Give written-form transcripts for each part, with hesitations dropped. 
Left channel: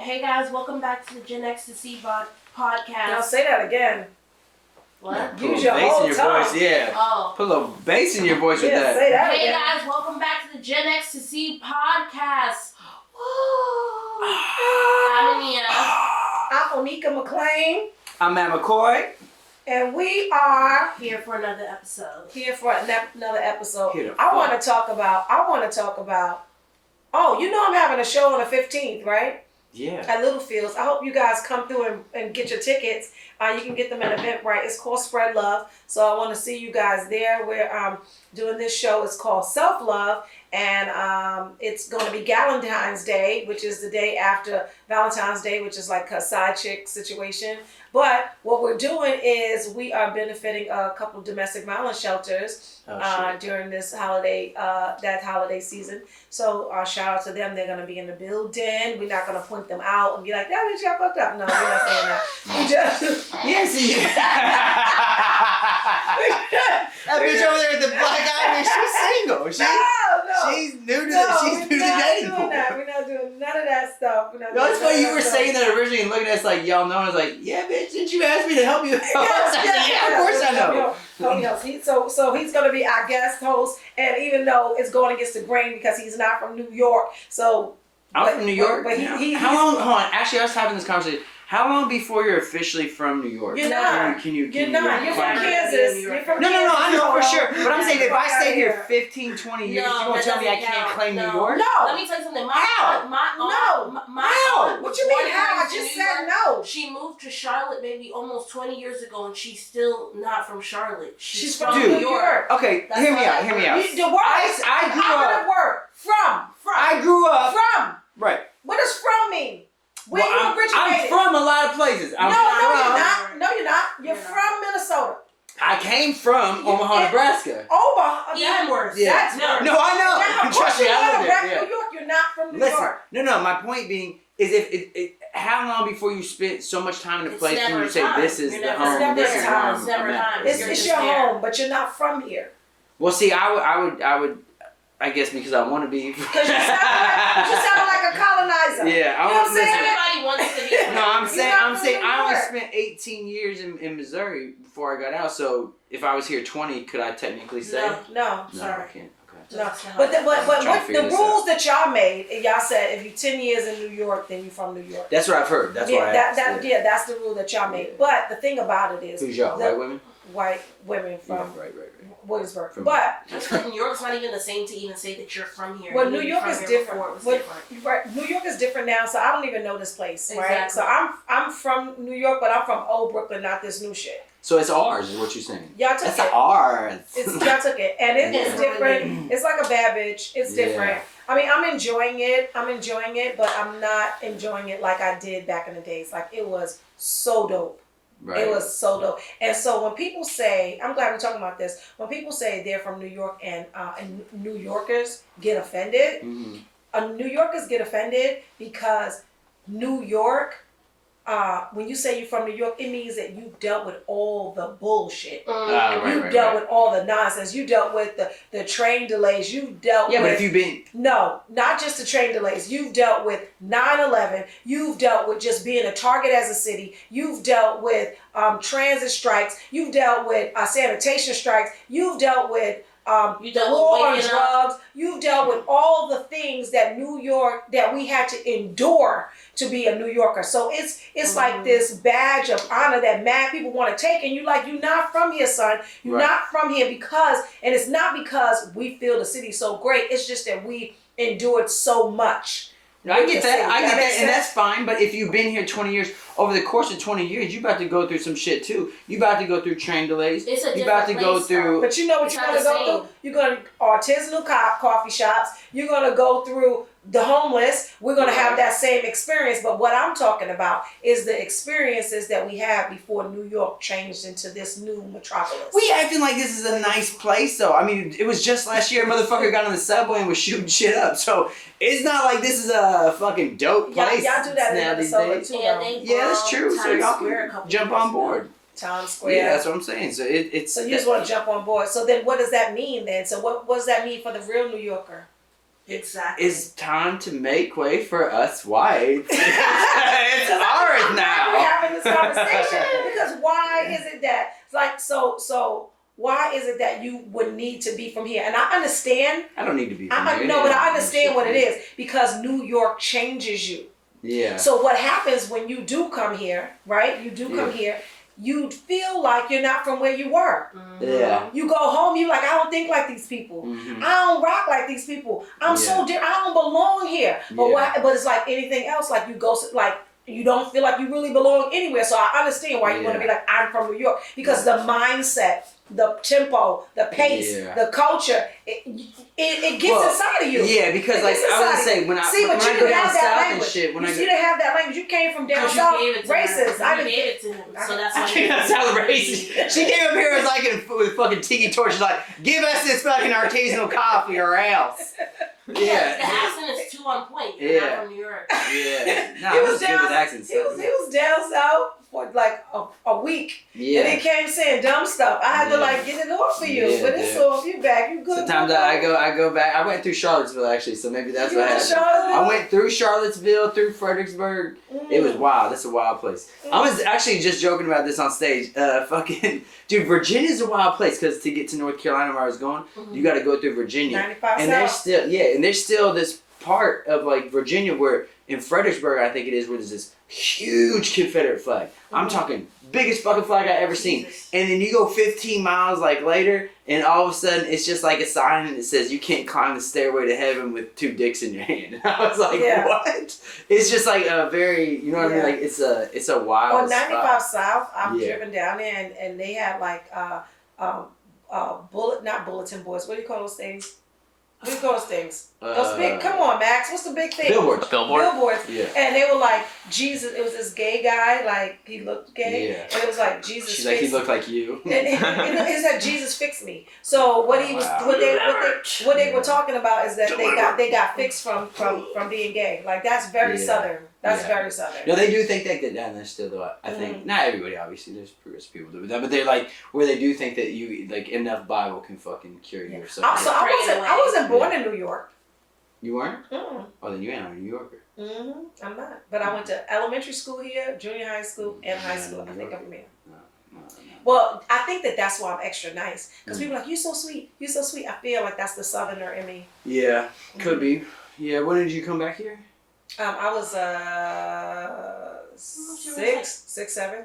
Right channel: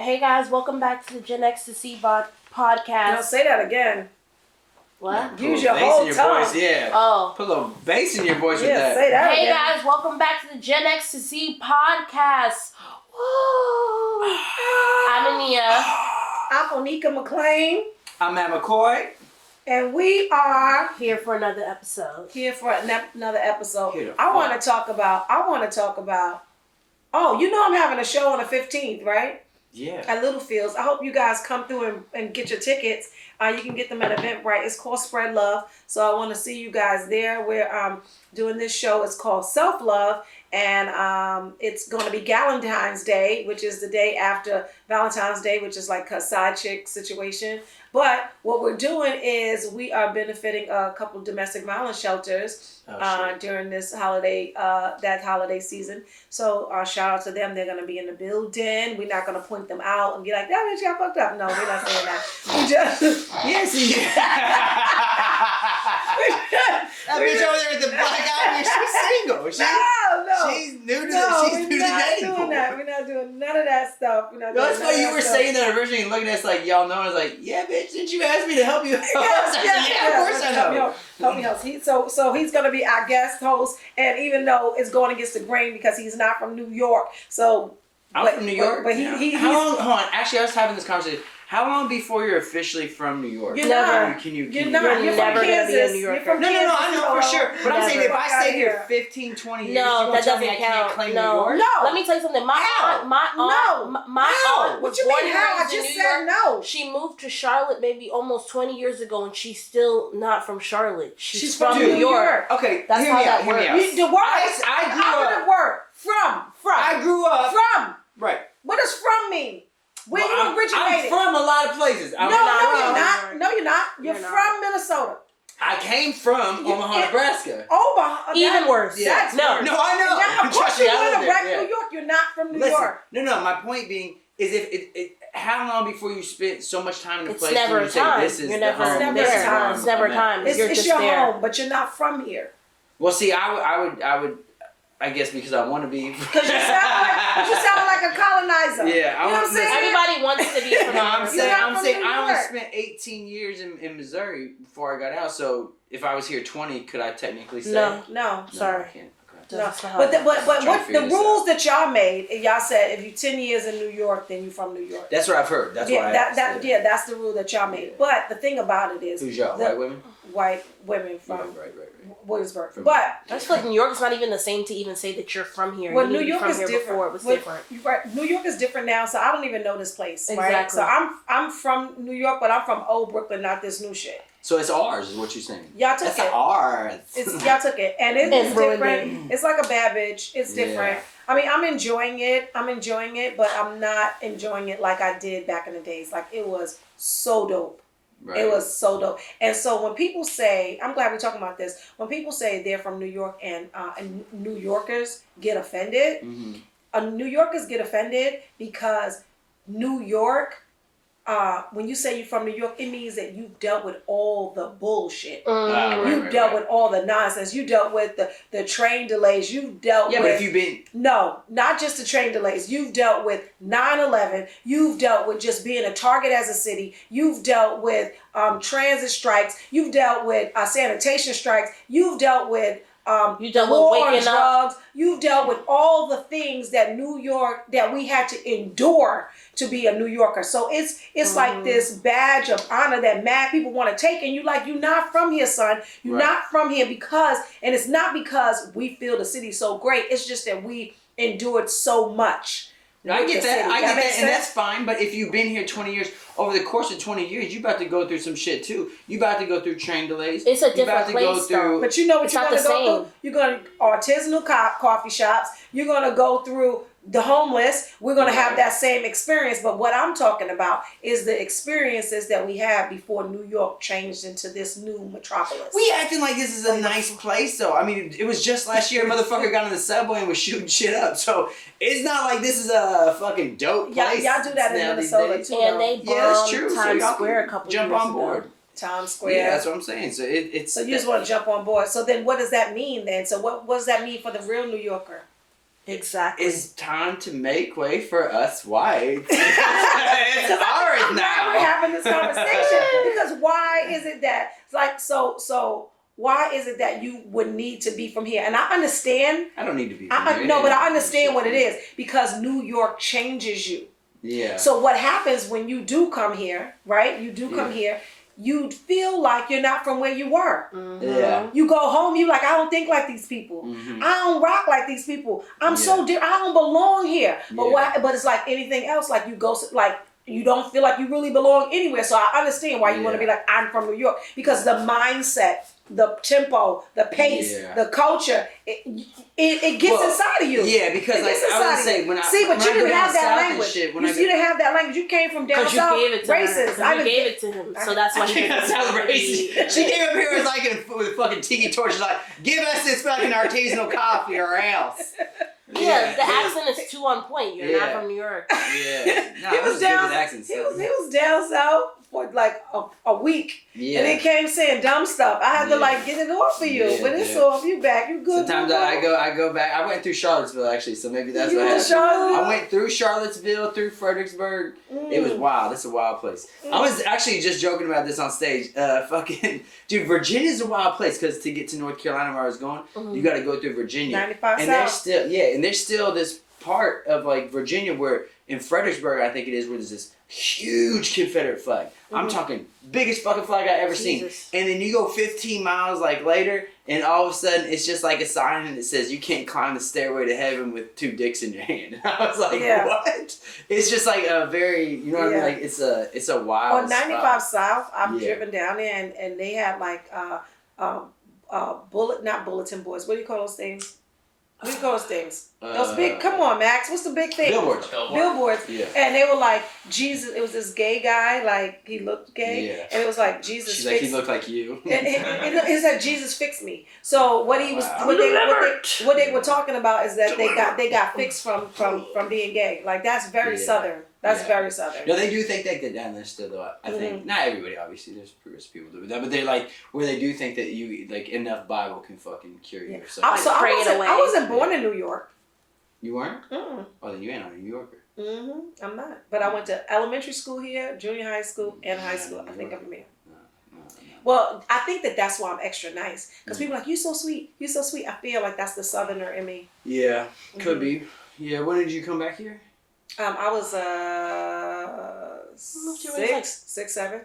Hey guys, welcome back to the Gen X to C podcast. Now say that again. What? Use your whole tongue. Voice, yeah. Oh. Put a little bass in your voice with that. Say that Hey again. guys, welcome back to the Gen X to C podcast. Woo! I'm Ania. I'm Onika McLean, I'm Matt McCoy. and we are Here for another episode. here for another episode. Here to I want fuck. to talk about. Oh, you know I'm having a show on the 15th, right? Yeah. At Littlefields. I hope you guys come through and get your tickets. You can get them at Eventbrite. It's called Spread Love. So I want to see you guys there. We're doing this show. It's called Self Love. And it's going to be Galentine's Day, which is the day after Valentine's Day, which is like a side chick situation. But what we're doing is we are benefiting a couple of domestic violence shelters during this holiday, that holiday season. So shout out to them. They're going to be in the building. We're not going to point them out and be like, that bitch got fucked up. No, we're not saying that. We just... Yes, that bitch over there with the black eye, she's single. She's new to the dating pool. We're not doing none of that stuff. That's why you were saying that originally and looking at us like, y'all know. I was like, yeah, bitch, didn't you ask me to help you? Yes, of course I know. Help me out. So he's going to be our guest host, and even though it's going against the grain because he's not from New York, so... I'm from New York. But how long? Hold on. Actually, I was having this conversation. How long before you're officially from New York? You're not. You're not. You're from Kansas. You're from Kansas. No, I know for sure. But I'm saying if I stay here 15, 20 years, you're going to tell me I can't claim New York? No. Let me tell you something. My aunt What you mean how? I just said no. She moved to Charlotte maybe almost 20 years ago, and she's still not from Charlotte. She's from New York. Okay, That's hear me how out. The word. I grew up. Word. From. I grew up. From. Right. What does from mean? Where you originated? I'm from a lot of places. No, you're not. No, you're not. You're from Minnesota. I came from Omaha, Nebraska. Omaha. Even worse. Yeah. That's worse. No, I know. Now, of course you want to wreck there. New York. You're not from New Listen, York. No. My point being is if how long before you spent so much time in a place never when you say time. this is You're the never home? time. This is where I'm It's never at. time. It's your home, but you're not from here. Well, see, I would. I guess because I want to be. Because you sound like a colonizer. Yeah, you know what I'm saying? Everybody wants to be. No, I'm saying New I only York. spent 18 years in Missouri before I got out. So if I was here 20, could I technically say? No, sorry. I can't. Okay. No, That's but hard. what the rules that y'all made, and y'all said if you're 10 years in New York, then you're from New York. That's what I've heard. That's why. That's the rule that y'all made. But the thing about it is, Who's y'all? White women? White women from Right. Williamsburg. From- But I just feel like New York's not even the same to even say that you're from here. well, You New knew York from is here different. before it was But- different. Right, New York is different now, so I don't even know this place, right? Exactly. So I'm from New York, but I'm from old Brooklyn, not this new shit. So it's ours, is what you're saying. Y'all took That's it. ours. Y'all took it, and it's It's different. It's like a bad bitch. It's different. Yeah. I mean, I'm enjoying it, but I'm not enjoying it like I did back in the days. Like, it was so dope. Right. It was so dope. And so when people say, I'm glad we're talking about this, when people say they're from New York and New Yorkers get offended, New Yorkers get offended because New York, when you say you're from New York, it means that you've dealt with all the bullshit. You've dealt with all the nonsense. You dealt with the train delays. You've dealt with... Yeah, but if you've been... No, not just the train delays. You've dealt with 9/11. You've dealt with just being a target as a city. You've dealt with transit strikes. You've dealt with sanitation strikes. You've dealt with... You dealt war with on waking drugs. You've dealt with all the things that New York, that we had to endure to be a New Yorker. So it's like this badge of honor that mad people want to take, and you're not from here, son. You're not from here and it's not because we feel the city's so great. It's just that we endured so much. I get that. And and that's fine. But if you've been here 20 years, over the course of 20 years, you're about to go through some shit too. You're about to go through train delays. It's a You're about to different go place, through. But you know what you're going to go through? You're going to artisanal coffee shops. You're going to go through the homeless. We're going to have that same experience. But what I'm talking about is the experiences that we had before New York changed into this new metropolis. We acting like this is a nice place, though. I mean, it was just last year a motherfucker got on the subway and was shooting shit up. So it's not like this is a fucking dope place. Y'all do that in Minnesota too. And they yeah, that's true. Times So y'all Square a can couple jump years on ago. board. Times Square. Yeah, that's what I'm saying. So it's. So you just want to jump on board. So then what does that mean then? So what does that mean for the real New Yorker? Exactly. It's time to make way for us whites. conversation because why is it that so why is it that you would need to be from here? And I understand. I don't need to be from here. No, but I understand what it is because New York changes you. Yeah. So what happens when you do come here, right? You do come here. You feel like you're not from where you were. Mm-hmm. Yeah. You go home, you like, I don't think like these people. Mm-hmm. I don't rock like these people. I'm so different. I don't belong here. But but it's like anything else. Like you go, like you don't feel like you really belong anywhere. So I understand why you want to be like, I'm from New York because the mindset, the tempo, the pace, the culture, it gets inside of you. Yeah, because like I would say when I go down south and shit, when you didn't have that language. You came from down south, racist. You gave it to him, so that's why he got south racist. She came up here and was like with fucking tiki torch, like, give us this fucking artisanal coffee or else. Yeah, the accent is too on point. You're not from New York. Yeah, no, he was down. Good with accents. He was down south for like a week, and he came saying dumb stuff. I had to like get it off for you, but it's off. You back. You good? Sometimes I go back. I went through Charlottesville actually, so maybe that's what happened. I went through Charlottesville, through Fredericksburg. It was wild. That's a wild place. I was actually just joking about this on stage. Fucking dude, Virginia's a wild place because to get to North Carolina where I was going, you got to go through Virginia. 95 and south. there's still this part of like Virginia where in Fredericksburg I think it is where there's this huge Confederate flag. I'm talking biggest fucking flag I ever seen. And then you go 15 miles like later and all of a sudden it's just like a sign and it says you can't climb the stairway to heaven with 2 dicks in your hand. And I was like, what? It's just like a very, you know what I mean? Like it's a wild On 95 spot. South, I've driven down there and they had like not bulletin boards. What do you call those things? What do you call those things? Those big, come on, Max. What's the big thing? Billboards. Billboards. Yeah. And they were like, Jesus, it was this gay guy, like, he looked gay. Yeah. And it was like, Jesus She's like, he looked like you. It said, Jesus fix me. So what he was, what they were talking about is that they got fixed from being gay. Like, that's very Southern. That's very Southern. No, they do think that down there still, though. I think, not everybody, obviously. There's progressive people do that. But they're like, where they do think that you, like, enough Bible can fucking cure you or something. Also, I wasn't born in New York. You weren't? Mm. Oh, then you ain't a New Yorker. I'm not. But I went to elementary school here, junior high school, and high school. I think I'm from here. No. Well, I think that's why I'm extra nice. Because people are like, you're so sweet. You're so sweet. I feel like that's the Southerner in me. Yeah, could be. Yeah, when did you come back here? I was 6, 7.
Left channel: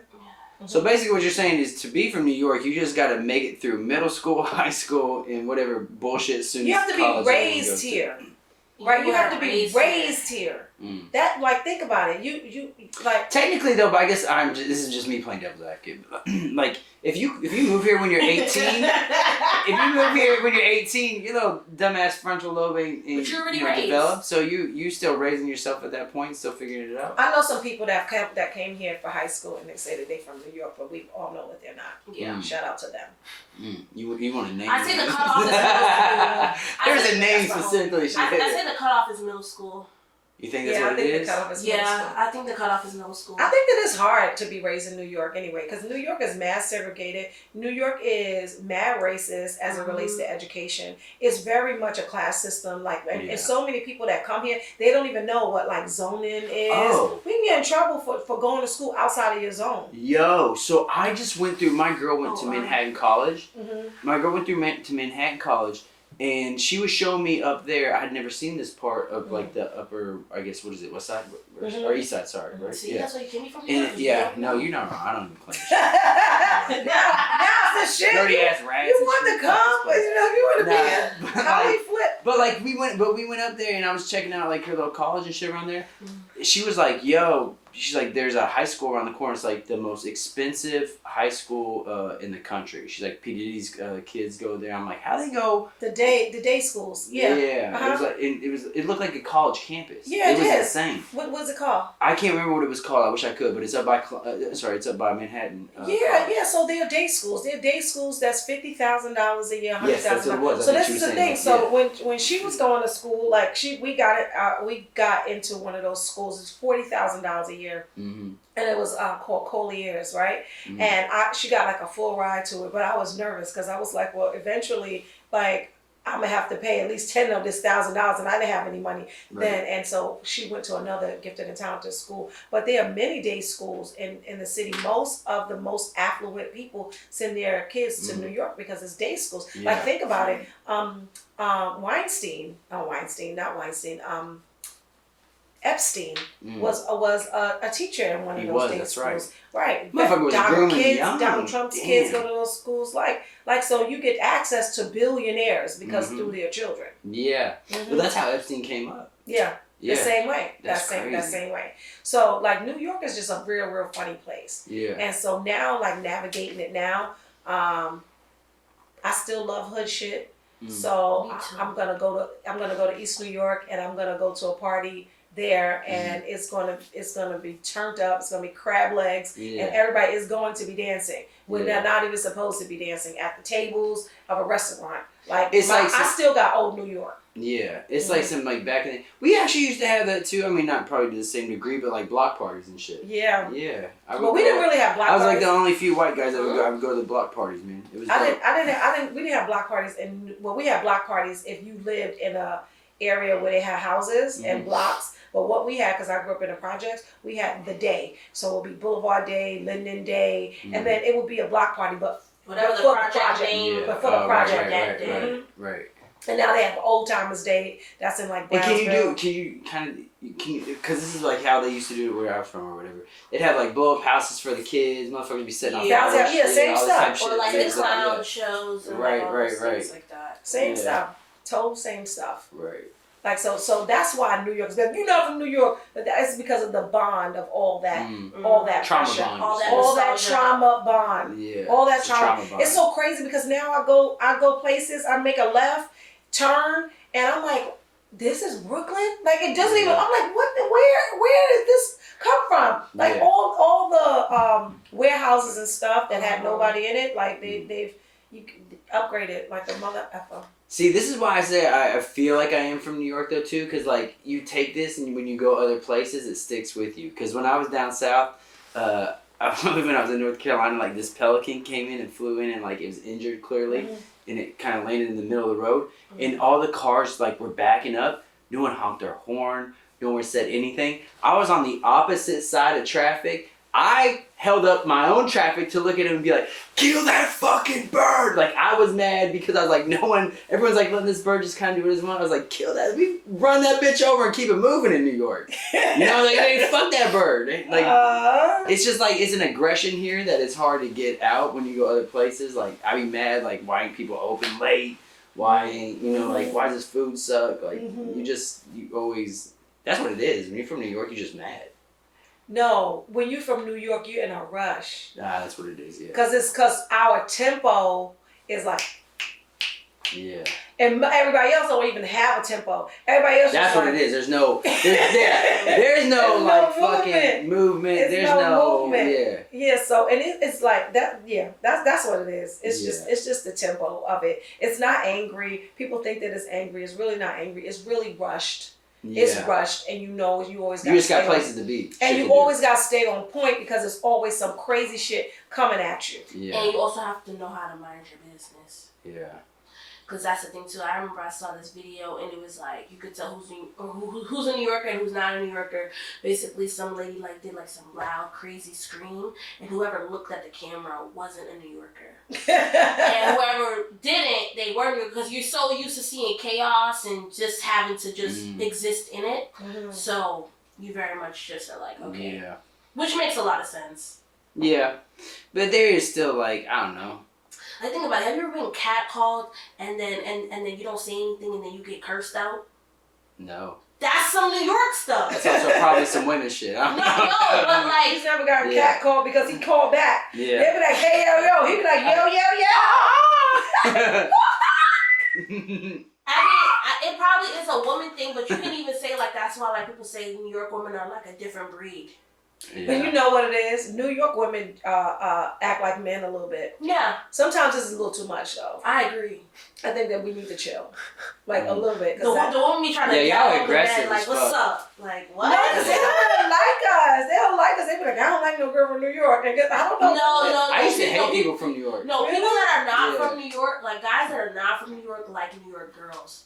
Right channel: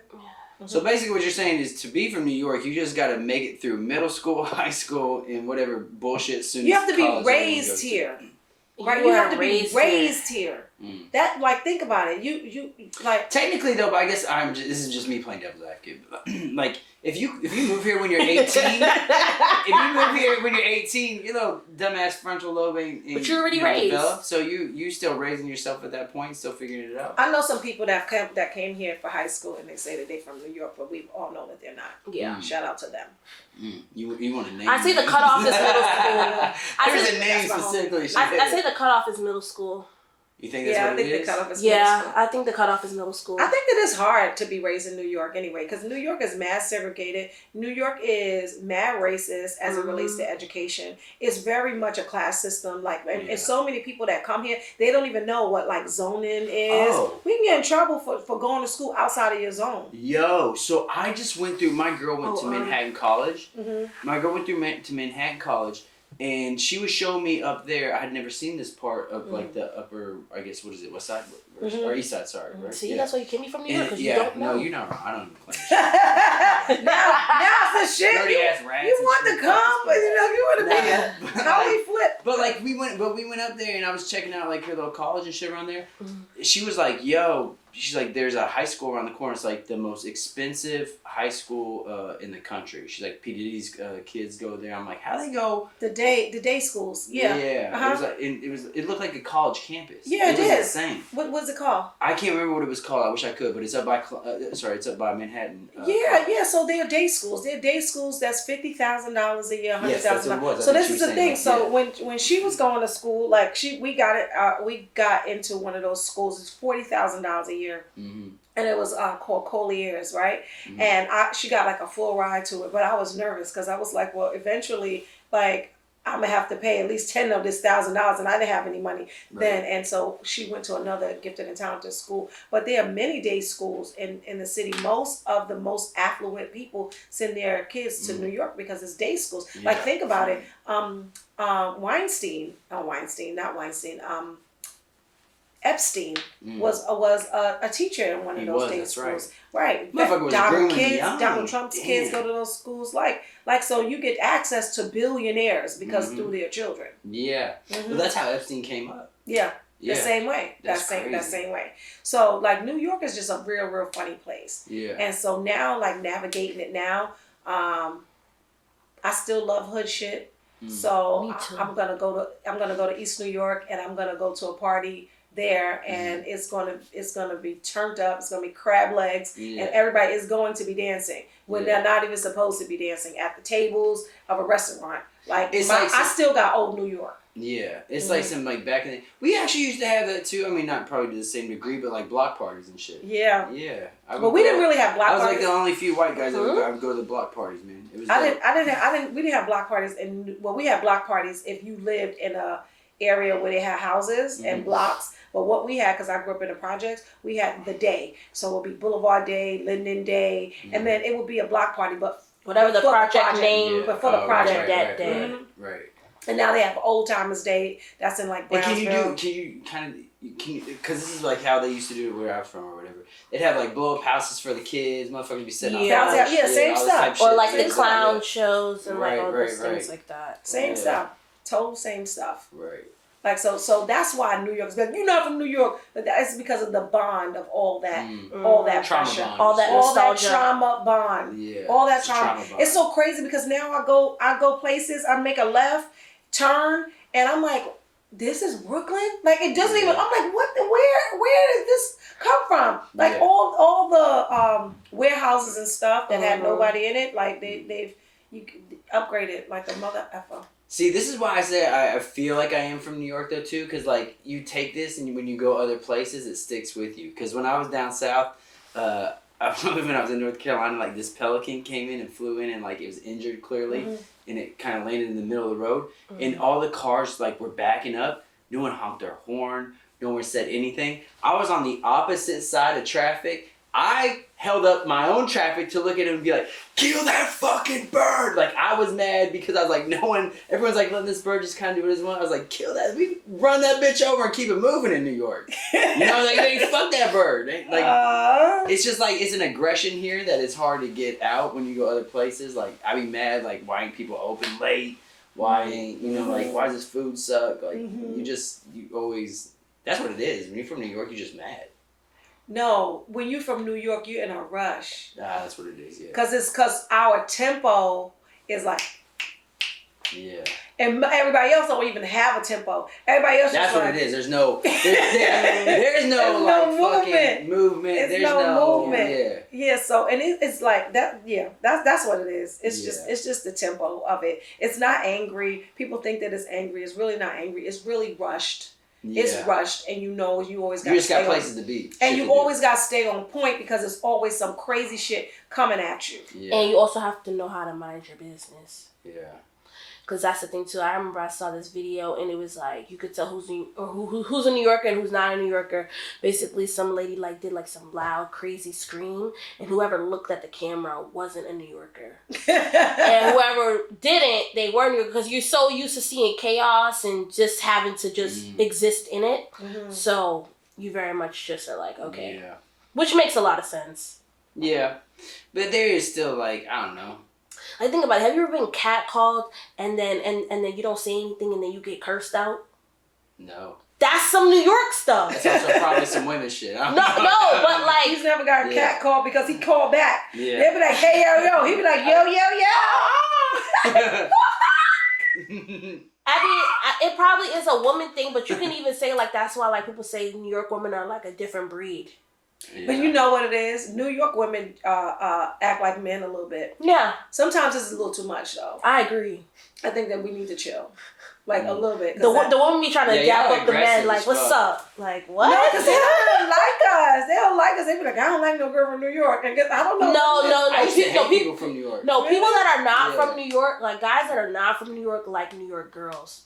So basically what you're saying is to be from New York, you just got to make it through middle school, high school, and whatever bullshit soon. You have to be raised here. Right, you have to be raised here. That, like, think about it. You like. Technically, though, but I guess this is just me playing devil's advocate. Like, if you move here when you're 18, if you move here when you're 18, your little dumbass frontal lobe ain't you're already raised. Developed. So you still raising yourself at that point, still figuring it out. I know some people that came here for high school and they say that they're from New York, but we all know that they're not. Yeah. Shout out to them. You want to name? I say the cutoff is middle school. There's a name specifically. I say the cutoff is middle school. You think that's what it is? The cutoff is middle school. I think the cutoff is middle school. I think that it's hard to be raised in New York anyway, because New York is mad segregated. New York is mad racist as it relates to education. It's very much a class system. Like, and so many people that come here, they don't even know what like zoning is. Oh. We can get in trouble for going to school outside of your zone. Yo, so I just went through. My girl went to Manhattan College. My girl went through to Manhattan College. And she was showing me up there. I had never seen this part of like the upper, I guess, what is it, west side or east side? Sorry, right? See, that's why you came from New York. You're not wrong. I don't even claim shit. now it's the shit. Dirty ass rats. You want to come, but you know if you want to be how we flip. But like we went up there and I was checking out like her little college and shit around there. She was like, "Yo." She's like, there's a high school around the corner. It's like the most expensive high school in the country. She's like, P. Diddy's kids go there. I'm like, how they go? The day schools. Yeah. Yeah. It was like it looked like a college campus. Yeah, it was is. insane. What was it called? I can't remember what it was called. I wish I could, but it's up by it's up by Manhattan. Yeah. So they're day schools. They're day schools. That's $50,000 a year, $100,000. Yes, that's what it was. So this is the thing. That, so when she was going to school, like we got into one of those schools. It's $40,000 a year. And it was called Collier's, right? And she got like a full ride to it, but I was nervous because I was like, well, eventually, like, I'm gonna have to pay at least 10 of this $1,000, and I didn't have any money then. And so she went to another gifted and talented school. But there are many day schools in the city. Most of the most affluent people send their kids to New York because it's day schools. Yeah. Like, think about it. Epstein was a teacher in one of those day schools. Right. Motherfucker was Donald kids, Donald Trump's kids go to those schools. Like so you get access to billionaires because through their children. Yeah. Well, that's how Epstein came up. Yeah. The same way. That same way. So like New York is just a real funny place. Yeah. And so now, like, navigating it now, I still love hood shit. So I'm gonna go to East New York, and I'm gonna go to a party there, and it's gonna be turned up. It's gonna be crab legs, and everybody is going to be dancing when they're not even supposed to be dancing at the tables of a restaurant. Like, I still got old New York. Yeah, it's like some like back in the, we actually used to have that too. I mean, not probably to the same degree, but like block parties and shit. Yeah. Yeah. But we didn't really have block parties. I was like the only few white guys that I would go to the block parties, man. It was. We didn't have block parties, and we had block parties if you lived in a area where they had houses and blocks. But what we had, because I grew up in the projects, we had the day. So it would be Boulevard Day, Linden Day, and then it would be a block party, but whatever the project name, but for the project that day. Right. And now they have Old Timers Day. That's in like Brownsville. And can you because this is like how they used to do it where I was from or whatever. They'd have like blow up houses for the kids. Motherfuckers be setting off. Yeah, same stuff. Or like the clown shows and right, things like that. Same stuff. Total same stuff. Right. Like so that's why New York is better. You're not from New York, but that's because of the bond of all that trauma pressure, bond, all that trauma bond, all that trauma. It's so crazy because now I go places, I make a left turn, and I'm like, this is Brooklyn. Like, it doesn't even. I'm like, what? Where did this come from? Like all the warehouses and stuff that had nobody in it. Like they've upgraded like a mother effer. See, this is why I say I feel like I am from New York, though, too, because, like, you take this, and when you go other places, it sticks with you. Because when I was down south, when I was in North Carolina, like, this pelican came in and flew in, and, like, it was injured, clearly, and it kind of landed in the middle of the road, and all the cars, like, were backing up. No one honked their horn. No one said anything. I was on the opposite side of traffic. I held up my own traffic to look at him and be like, kill that fucking bird. Like, I was mad because I was like, everyone's like letting this bird just kind of do what it wants. I was like, kill that. We run that bitch over and keep it moving in New York. You know, like, fuck that bird. Like, it's just like, it's an aggression here that it's hard to get out when you go other places. Like, I be mad, like, why ain't people open late? Why ain't, like, why does this food suck? Like, you always, that's what it is. When you're from New York, you're just mad. No, when you're from New York, you're in a rush. That's what it is, yeah. Because our tempo is like... Yeah. And everybody else don't even have a tempo. Everybody else that's what like, it is. There's no like fucking movement. There's no movement. Yeah. Yeah, so and it's like that, that's what it is. It's just the tempo of it. It's not angry. People think that it's angry. It's really not angry. It's really rushed. Yeah. It's rushed, and you always got. You just got places to be, and you always got to stay on point because there's always some crazy shit coming at you. Yeah. And you also have to know how to mind your business. Yeah. Because that's the thing too. I remember I saw this video and it was like you could tell who's a New Yorker and who's not a New Yorker. Basically, some lady like did like some loud, crazy scream, and whoever looked at the camera wasn't a New Yorker, and whoever didn't, they were New Yorker because you're so used to seeing chaos and just having to just exist in it. So you very much just are like, okay, which makes a lot of sense. Yeah, but there is still like, I don't know. I think about it. Have you ever been catcalled and then you don't say anything and then you get cursed out? No. That's some New York stuff. That's also probably some women shit. No, but like he's never got catcalled because he called back. Yeah. They'd be like, hey yo. He'd be like, yo. I mean, it probably is a woman thing, but you can even say like that's why like people say New York women are like a different breed. Yeah. But you know what it is? New York women act like men a little bit. Yeah. Sometimes it's a little too much, though. I agree. I think that we need to chill. Like, a little bit. The woman be trying to gather up the men, like, what's up? Like, what? No, because they don't really like us. They don't like Because they be like, I don't like no girl from New York. And I don't know. No. I used to hate people from New York. No, people that are not Yeah. from New York, like guys that are not from New York, like New York girls.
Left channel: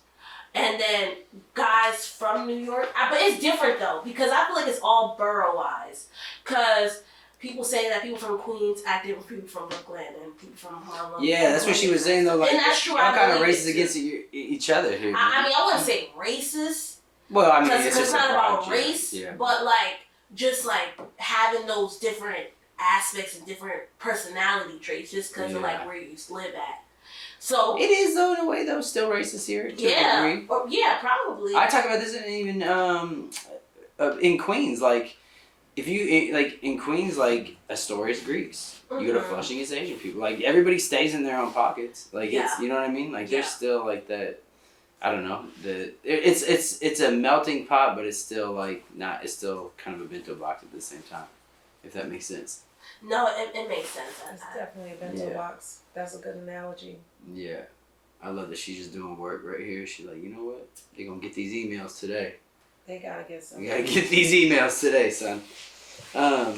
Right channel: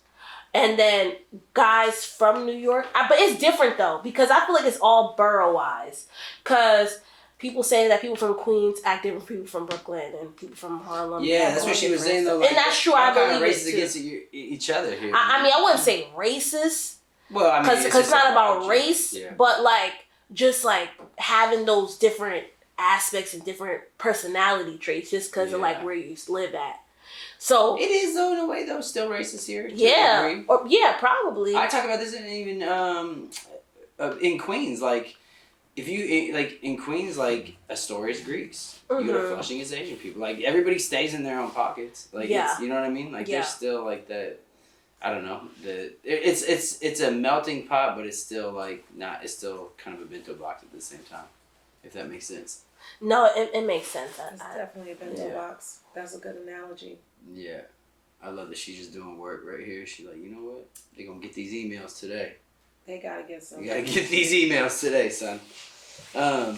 And then guys from New York, but it's different though, because I feel like it's all borough-wise. Because people say that people from Queens act different from people from Brooklyn and people from Harlem. Yeah, that's what she was saying though. Like, and that's true. I'm kind of believe racist it, against each other here. I mean, I wouldn't say racist. Well, I mean, because it's not about race, yeah. but like just like having those different aspects and different personality traits, just because of like where you used to live at. So it is though in a way though still racist here. Yeah, or, yeah, probably. I talk about this in even in Queens, like if you like in Queens, like Astoria's Greeks. You go to Flushing, it's Asian people. Like everybody stays in their own pockets. Like it's, you know what I mean. Like there's still like that. I don't know. It's a melting pot, but it's still like not. It's still kind of a bento box at the same time, if that makes sense. No, it makes sense. It's definitely a bento box. That's a good analogy. Yeah, I love that she's just doing work right here. She's like, you know what? They're gonna get these emails today. They gotta get some. You gotta get these emails today, son. I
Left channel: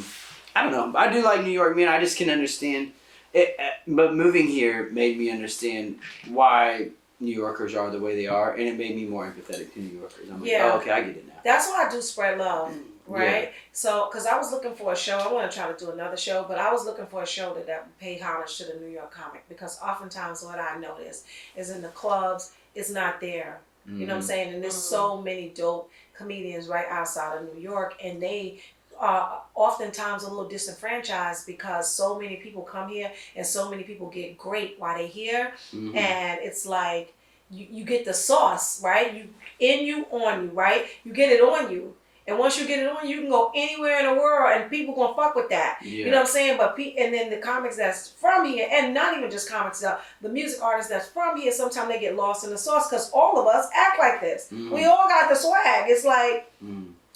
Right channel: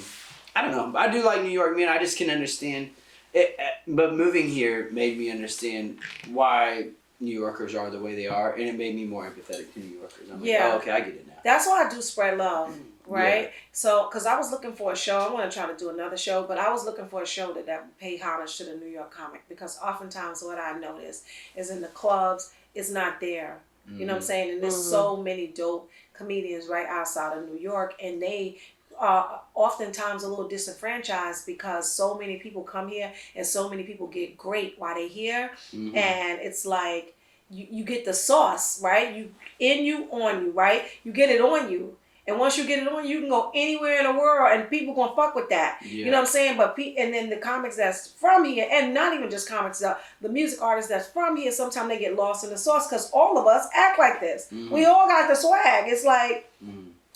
don't know. I do like New York, man. I just can understand it, but moving here made me understand why New Yorkers are the way they are, and it made me more empathetic to New Yorkers. I'm like, oh, okay, I get it now. That's why I do spread love, right? Yeah. So, because I was looking for a show, I want to try to do another show, but I was looking for a show that would pay homage to the New York comic, because oftentimes what I notice is in the clubs, it's not there. You know what I'm saying? And there's so many dope comedians right outside of New York, and they are oftentimes a little disenfranchised because so many people come here and so many people get great while they're here. And it's like you get the sauce, right? You on you, right? You get it on you. And once you get it on, you can go anywhere in the world and people gonna fuck with that. Yeah. You know what I'm saying? But and then the comics that's from here, and not even just comics, the music artists that's from here, sometimes they get lost in the sauce because all of us act like this. We all got the swag. It's like,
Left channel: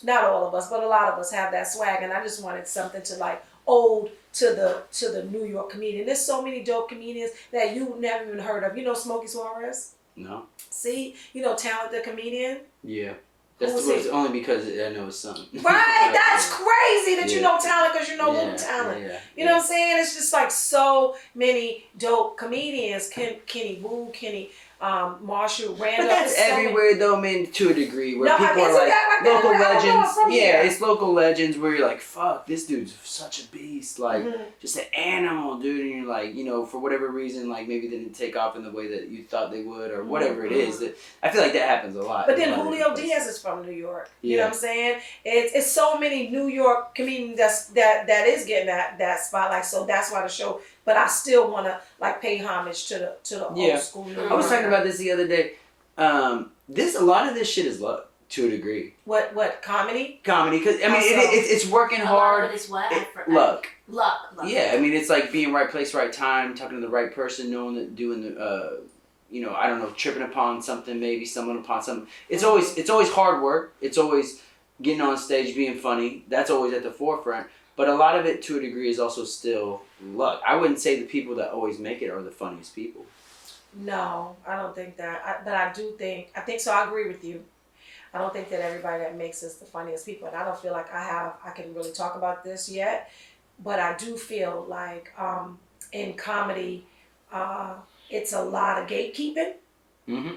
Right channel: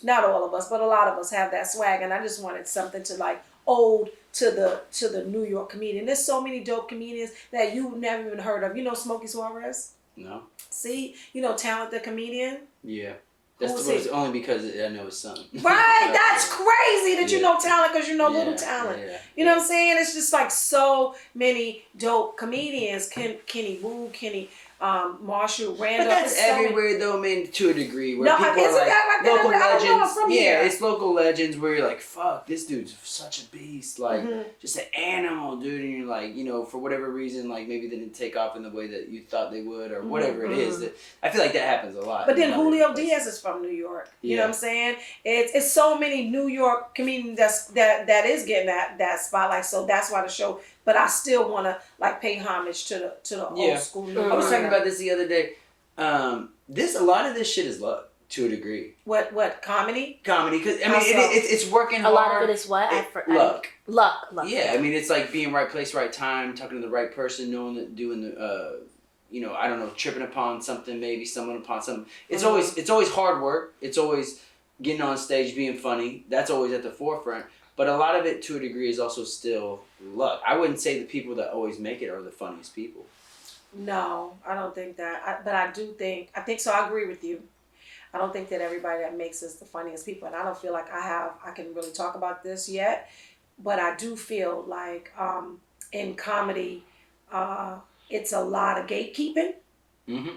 not all of us, but a lot of us have that swag. And I just wanted something to like ode to the New York comedian. There's so many dope comedians that you never even heard of. You know Smokey Suarez? No. See? You know Talent the comedian? Yeah. That's only because I know his son. Right, that's crazy that you know Talent because you know Little Talent. You know what I'm saying? It's just like so many dope comedians. Kenny Wu, Marshall, Randall. But that's everywhere though, man, to a degree, where people are like local legends. Yeah, it's local legends where you're like, fuck, this dude's such a beast. Like, just an animal, dude. And you're like, you know, for whatever reason, like maybe they didn't take off in the way that you thought they would or whatever it is. That I feel like that happens a lot. But then Julio Diaz is from New York. You know what I'm saying? It's so many New York comedians that is getting that spotlight. So that's why the show. But I still want to like pay homage to the old school. New York. I was talking about this the other day. A lot of this shit is luck to a degree. What comedy? Comedy, because I mean it's working hard. A lot of it is what? Luck. Luck. Yeah, I mean it's like being right place, right time, talking to the right person, knowing that doing the you know, I don't know, tripping upon something, maybe stumbling upon something. It's always hard work. It's always getting on stage, being funny. That's always at the forefront. But a lot of it, to a degree, is also still luck. I wouldn't say the people that always make it are the funniest people. No, I don't think that. But I think so. I agree with you. I don't think that everybody that makes us the funniest people. And I don't feel like I can really talk about this yet. But I do feel like in comedy, it's a lot of gatekeeping.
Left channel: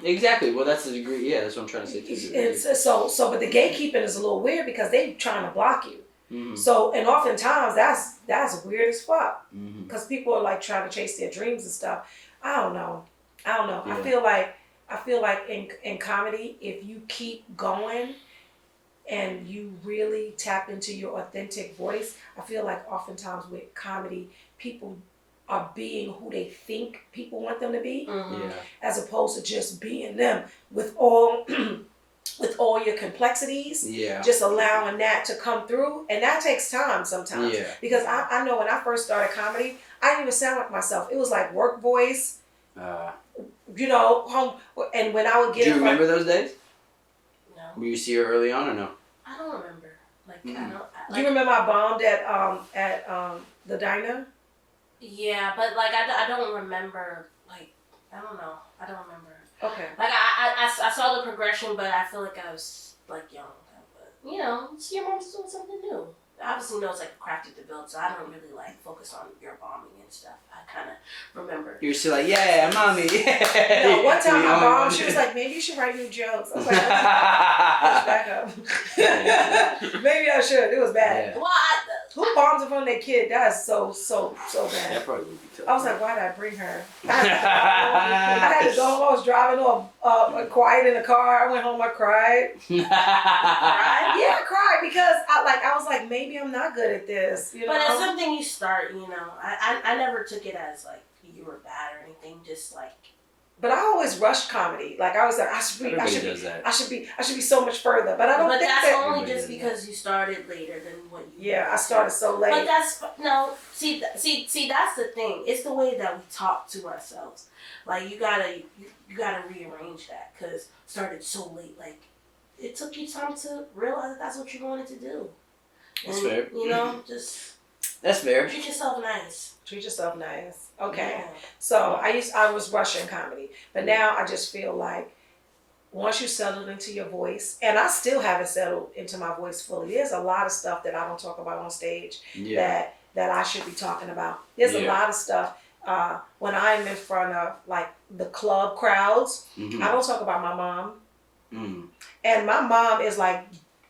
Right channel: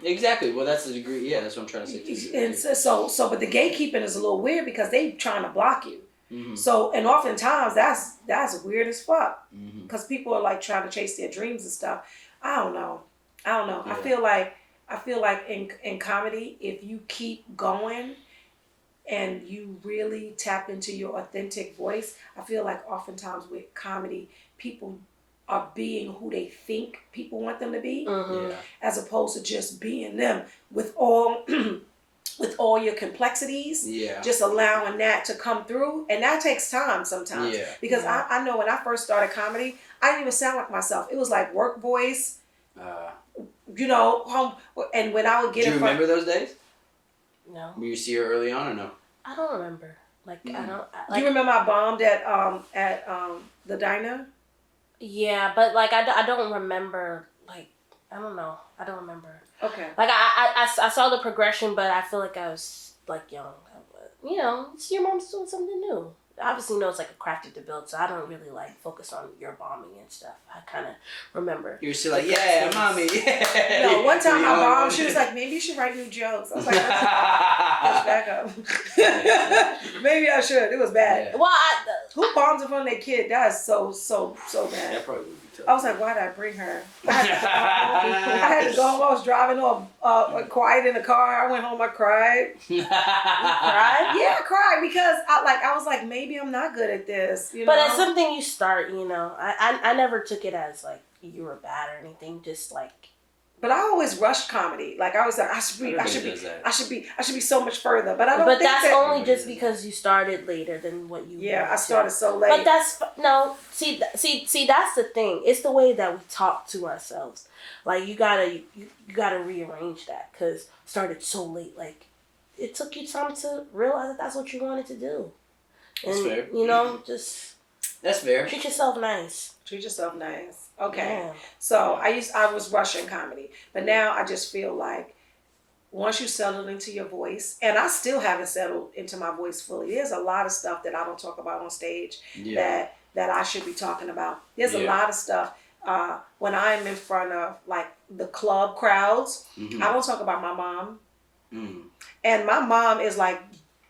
Exactly. Well, that's the degree. Yeah, that's what I'm trying to say too. And so, but the gatekeeping is a little weird because they trying to block you. So, and oftentimes that's weird as fuck because people are like trying to chase their dreams and stuff. I don't know. Yeah. I feel like in comedy, if you keep going and you really tap into your authentic voice, I feel like oftentimes with comedy, people are being who they think people want them to be, as opposed to just being them with all your complexities, just allowing that to come through. And that takes time sometimes. Because I know when I first started comedy, I didn't even sound like myself. It was like work voice, you know, home. And when I would get do you remember those days? No. Were you see her early on or no? I don't remember. Like, I don't. Do you remember I bombed at the diner? Yeah, but like, I don't remember, like, I don't know. I don't remember. Okay. Like I saw the progression, but I feel like I was like young. You know, your mom's doing something new. obviously know it's like a crafted to build, so I don't really like focus on your bombing and stuff. I kind of remember. You're still like, yeah, mommy, yeah. No, one time my mom, one. she was like, maybe you should write new jokes. I was like, push back up. Maybe I should. It was bad. Yeah. Well, Who bombs in front of their kid? That is so bad. That probably would be tough. I was like, why did I bring her? I had to go home. I was driving all quiet in the car. I went home. I cried. cried? Yeah, I cried because I was like, maybe I'm not good at this. You know? But that's something you start. You know, I never took it as like you were bad or anything. Just like. But I always rushed comedy. Like I was like, I should be so much further. But I don't. But think that's that, only just because you started later than what you. Yeah, I started so late. But that's no. See, that's the thing. It's the way that we talk to ourselves. Like you gotta rearrange that because started so late. Like it took you time to realize that that's what you wanted to do. And, That's fair. You know, just. That's fair. Treat yourself nice. Treat yourself nice. Okay. Yeah. So I was rushing comedy, but now I just feel like once you settled into your voice, and I still haven't settled into my voice fully. There's a lot of stuff that I don't talk about on stage that I should be talking about. There's a lot of stuff when I'm in front of like the club crowds. Mm-hmm. I don't talk about my mom, Mm. and my mom is like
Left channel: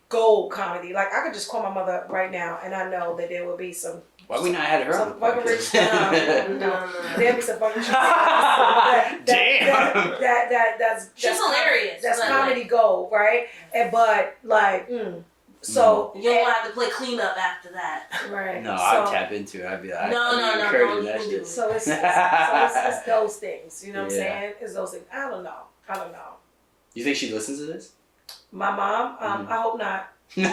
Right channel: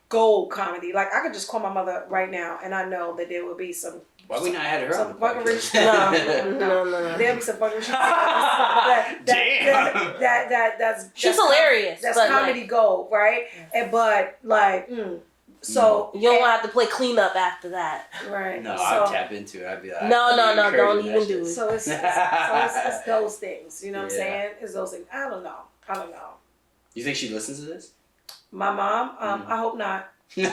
gold comedy. Like I could just call my mother right now, and I know that there will be some. Why we not had her on Some the fucking podcast? rich. No. There'll be some fucking shit. That's She's hilarious. That's but, comedy gold, right? And but like, so you don't have to play cleanup after that. right. No, so, I'd tap into it. I'd be like, No, don't even do it. So it's those things. You know what I'm Yeah. saying? It's those things. I don't know. You think she listens to this? My mom. I hope not. Yeah.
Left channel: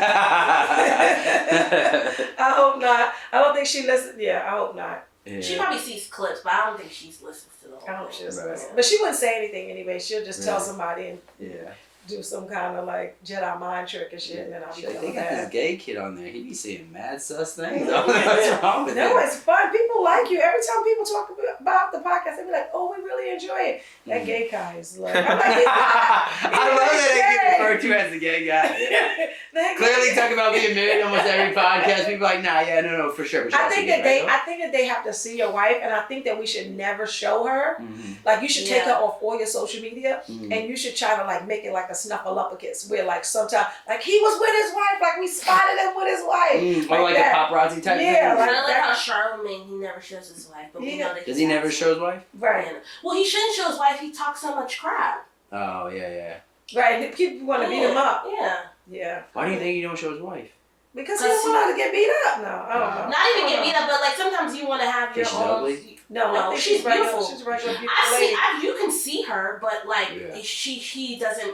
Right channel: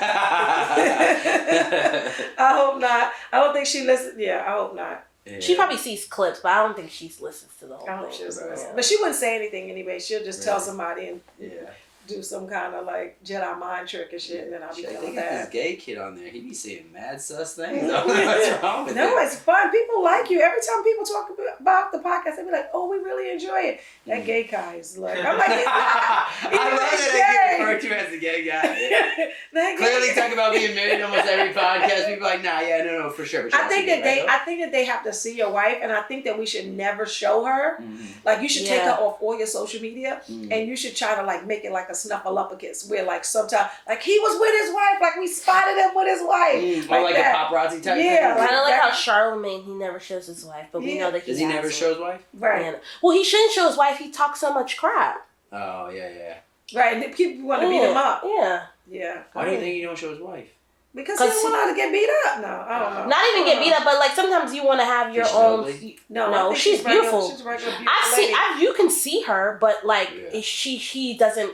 I hope not. I don't think she listens. Yeah, I hope not. She probably sees clips, but I don't think she listens to the whole I hope thing. she doesn't Right. listen. But she wouldn't say anything anyway. She'll just tell Really? somebody and Yeah. do some kind of like Jedi mind trick and shit, and then I'll be Shit, feeling they got this bad. gay kid on there. He be saying mad sus things. I don't know what's wrong with No, him. it's fun. People like you. Every time people talk about the podcast, they be like, "Oh, we really enjoy it." That gay guy is like, I'm like, he's not. I love that I get referred to as the gay guy. That Clearly, gay- talk about being married almost every podcast. People are like, nah, yeah, no, for sure. But I think that they have to see your wife, and I think that we should never show her. Mm-hmm. Like you should take her Yeah. off all your social media, Mhm. and you should try to like make it like a snuffleupagus, where like sometimes like he was with his wife, like we spotted him with his wife, Or like that. a paparazzi type Yeah, thing. I like that- how Charlemagne, he never shows his wife, but we know that Does he never has show his wife? Right, it. Well, he shouldn't show his wife. He talks so much crap. Oh, yeah. right. And people want to beat him up. Yeah. Yeah. Why do you think you don't show his wife? Because he don't want her to get beat up. No, I don't know. Not even get beat up, but like sometimes you want to have your She's own. ugly? No, I No, think she's regular. beautiful. She's a regular beautiful lady. You can see her, but like Yeah. she doesn't.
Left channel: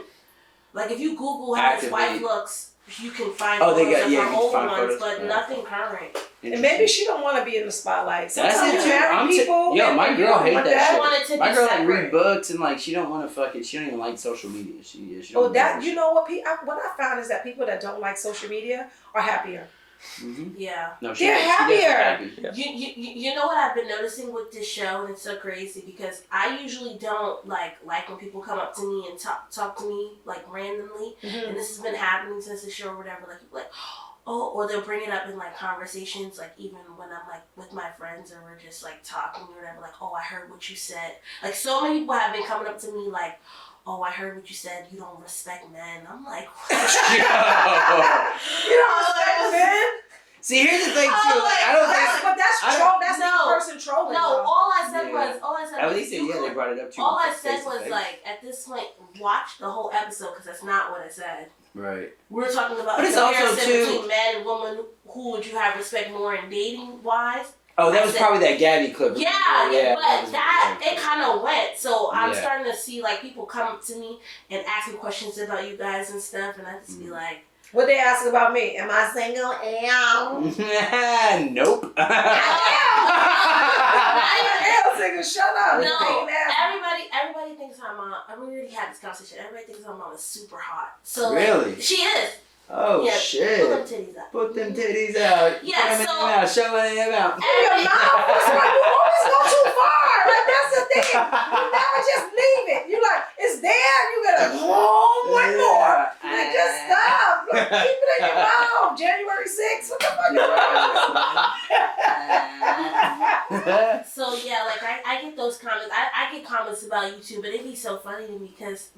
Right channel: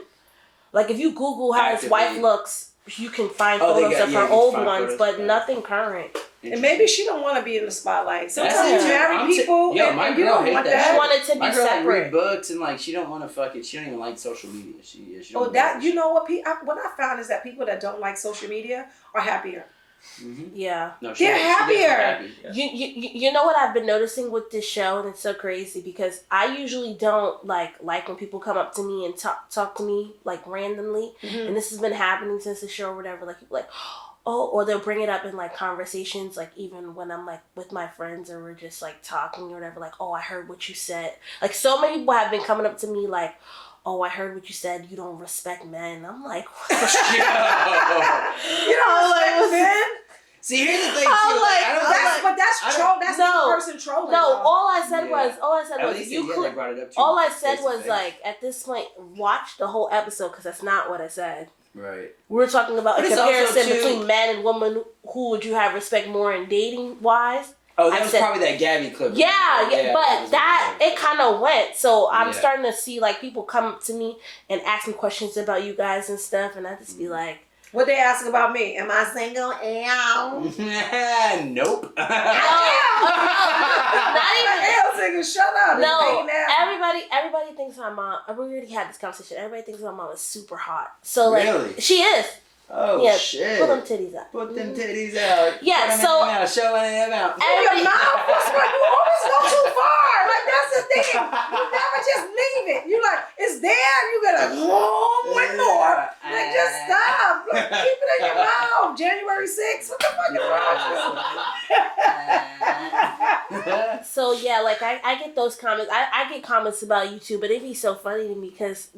Like if you Google how his wife Actively. looks, you can find Oh, they photos got- of yeah, her you can old find ones, photos. but Yeah. nothing current. And maybe she don't want to be in the spotlight. That's Sometimes it, you too. marry people. Yo, and my you girl don't hate want that She shit. wanted to My be girl like separate. read books and like she don't want to fuck it. She don't even like social media. She Oh, don't that know you know what? What I found is that people that don't like social media are happier. Mm-hmm. Yeah. No, They're definitely happier. happy. Yeah. You know what I've been noticing with this show, and it's so crazy because I usually don't like when people come up to me and talk to me like randomly, and this has been happening since the show or whatever. Like people like, oh, or they'll bring it up in like conversations, like even when I'm like with my friends or we're just like talking or whatever. Like, oh, I heard what you said. Like so many people have been coming up to me like, oh, I heard what you said. You don't respect men. I'm like, what? You don't respect men? See, here's the thing too. I'm like, I don't think. But that's I troll. don't- That's No. the person trolling. No, though. all I said Yeah. was At least you they could. brought it up to All I face said to was face. like, at this point, watch the whole episode because that's not what I said. Right. We were talking about But a it's also, comparison too- between man and woman. Who would you have respect more in dating wise? Oh, that I was said- probably that Gabby clip. Yeah, but was- that yeah. it kind of went. So I'm Yeah. starting to see like people come up to me and ask me questions about you guys and stuff, and I just be like, What they asking about me? Am I single? Ew. Nope. Not even- Hell, single. Shut up. no. Fake ass. Everybody thinks my mom. We already had this conversation. Everybody thinks my mom is super hot. So like, Really? she is. Oh Yeah, shit! pull them titties out. Put them titties out. Yeah, Put them so- in your mouth. Show them in your mouth. In your mouth? What's wrong? You always go too far. Like, that's the thing. You never just leave it. You like, it's there. You gotta, one more. Like, just stop. Like, keep it in your mouth. January 6th. What the fuck is wrong? So yeah, like I get those comments. I get comments about you too, but it'd be so funny to me because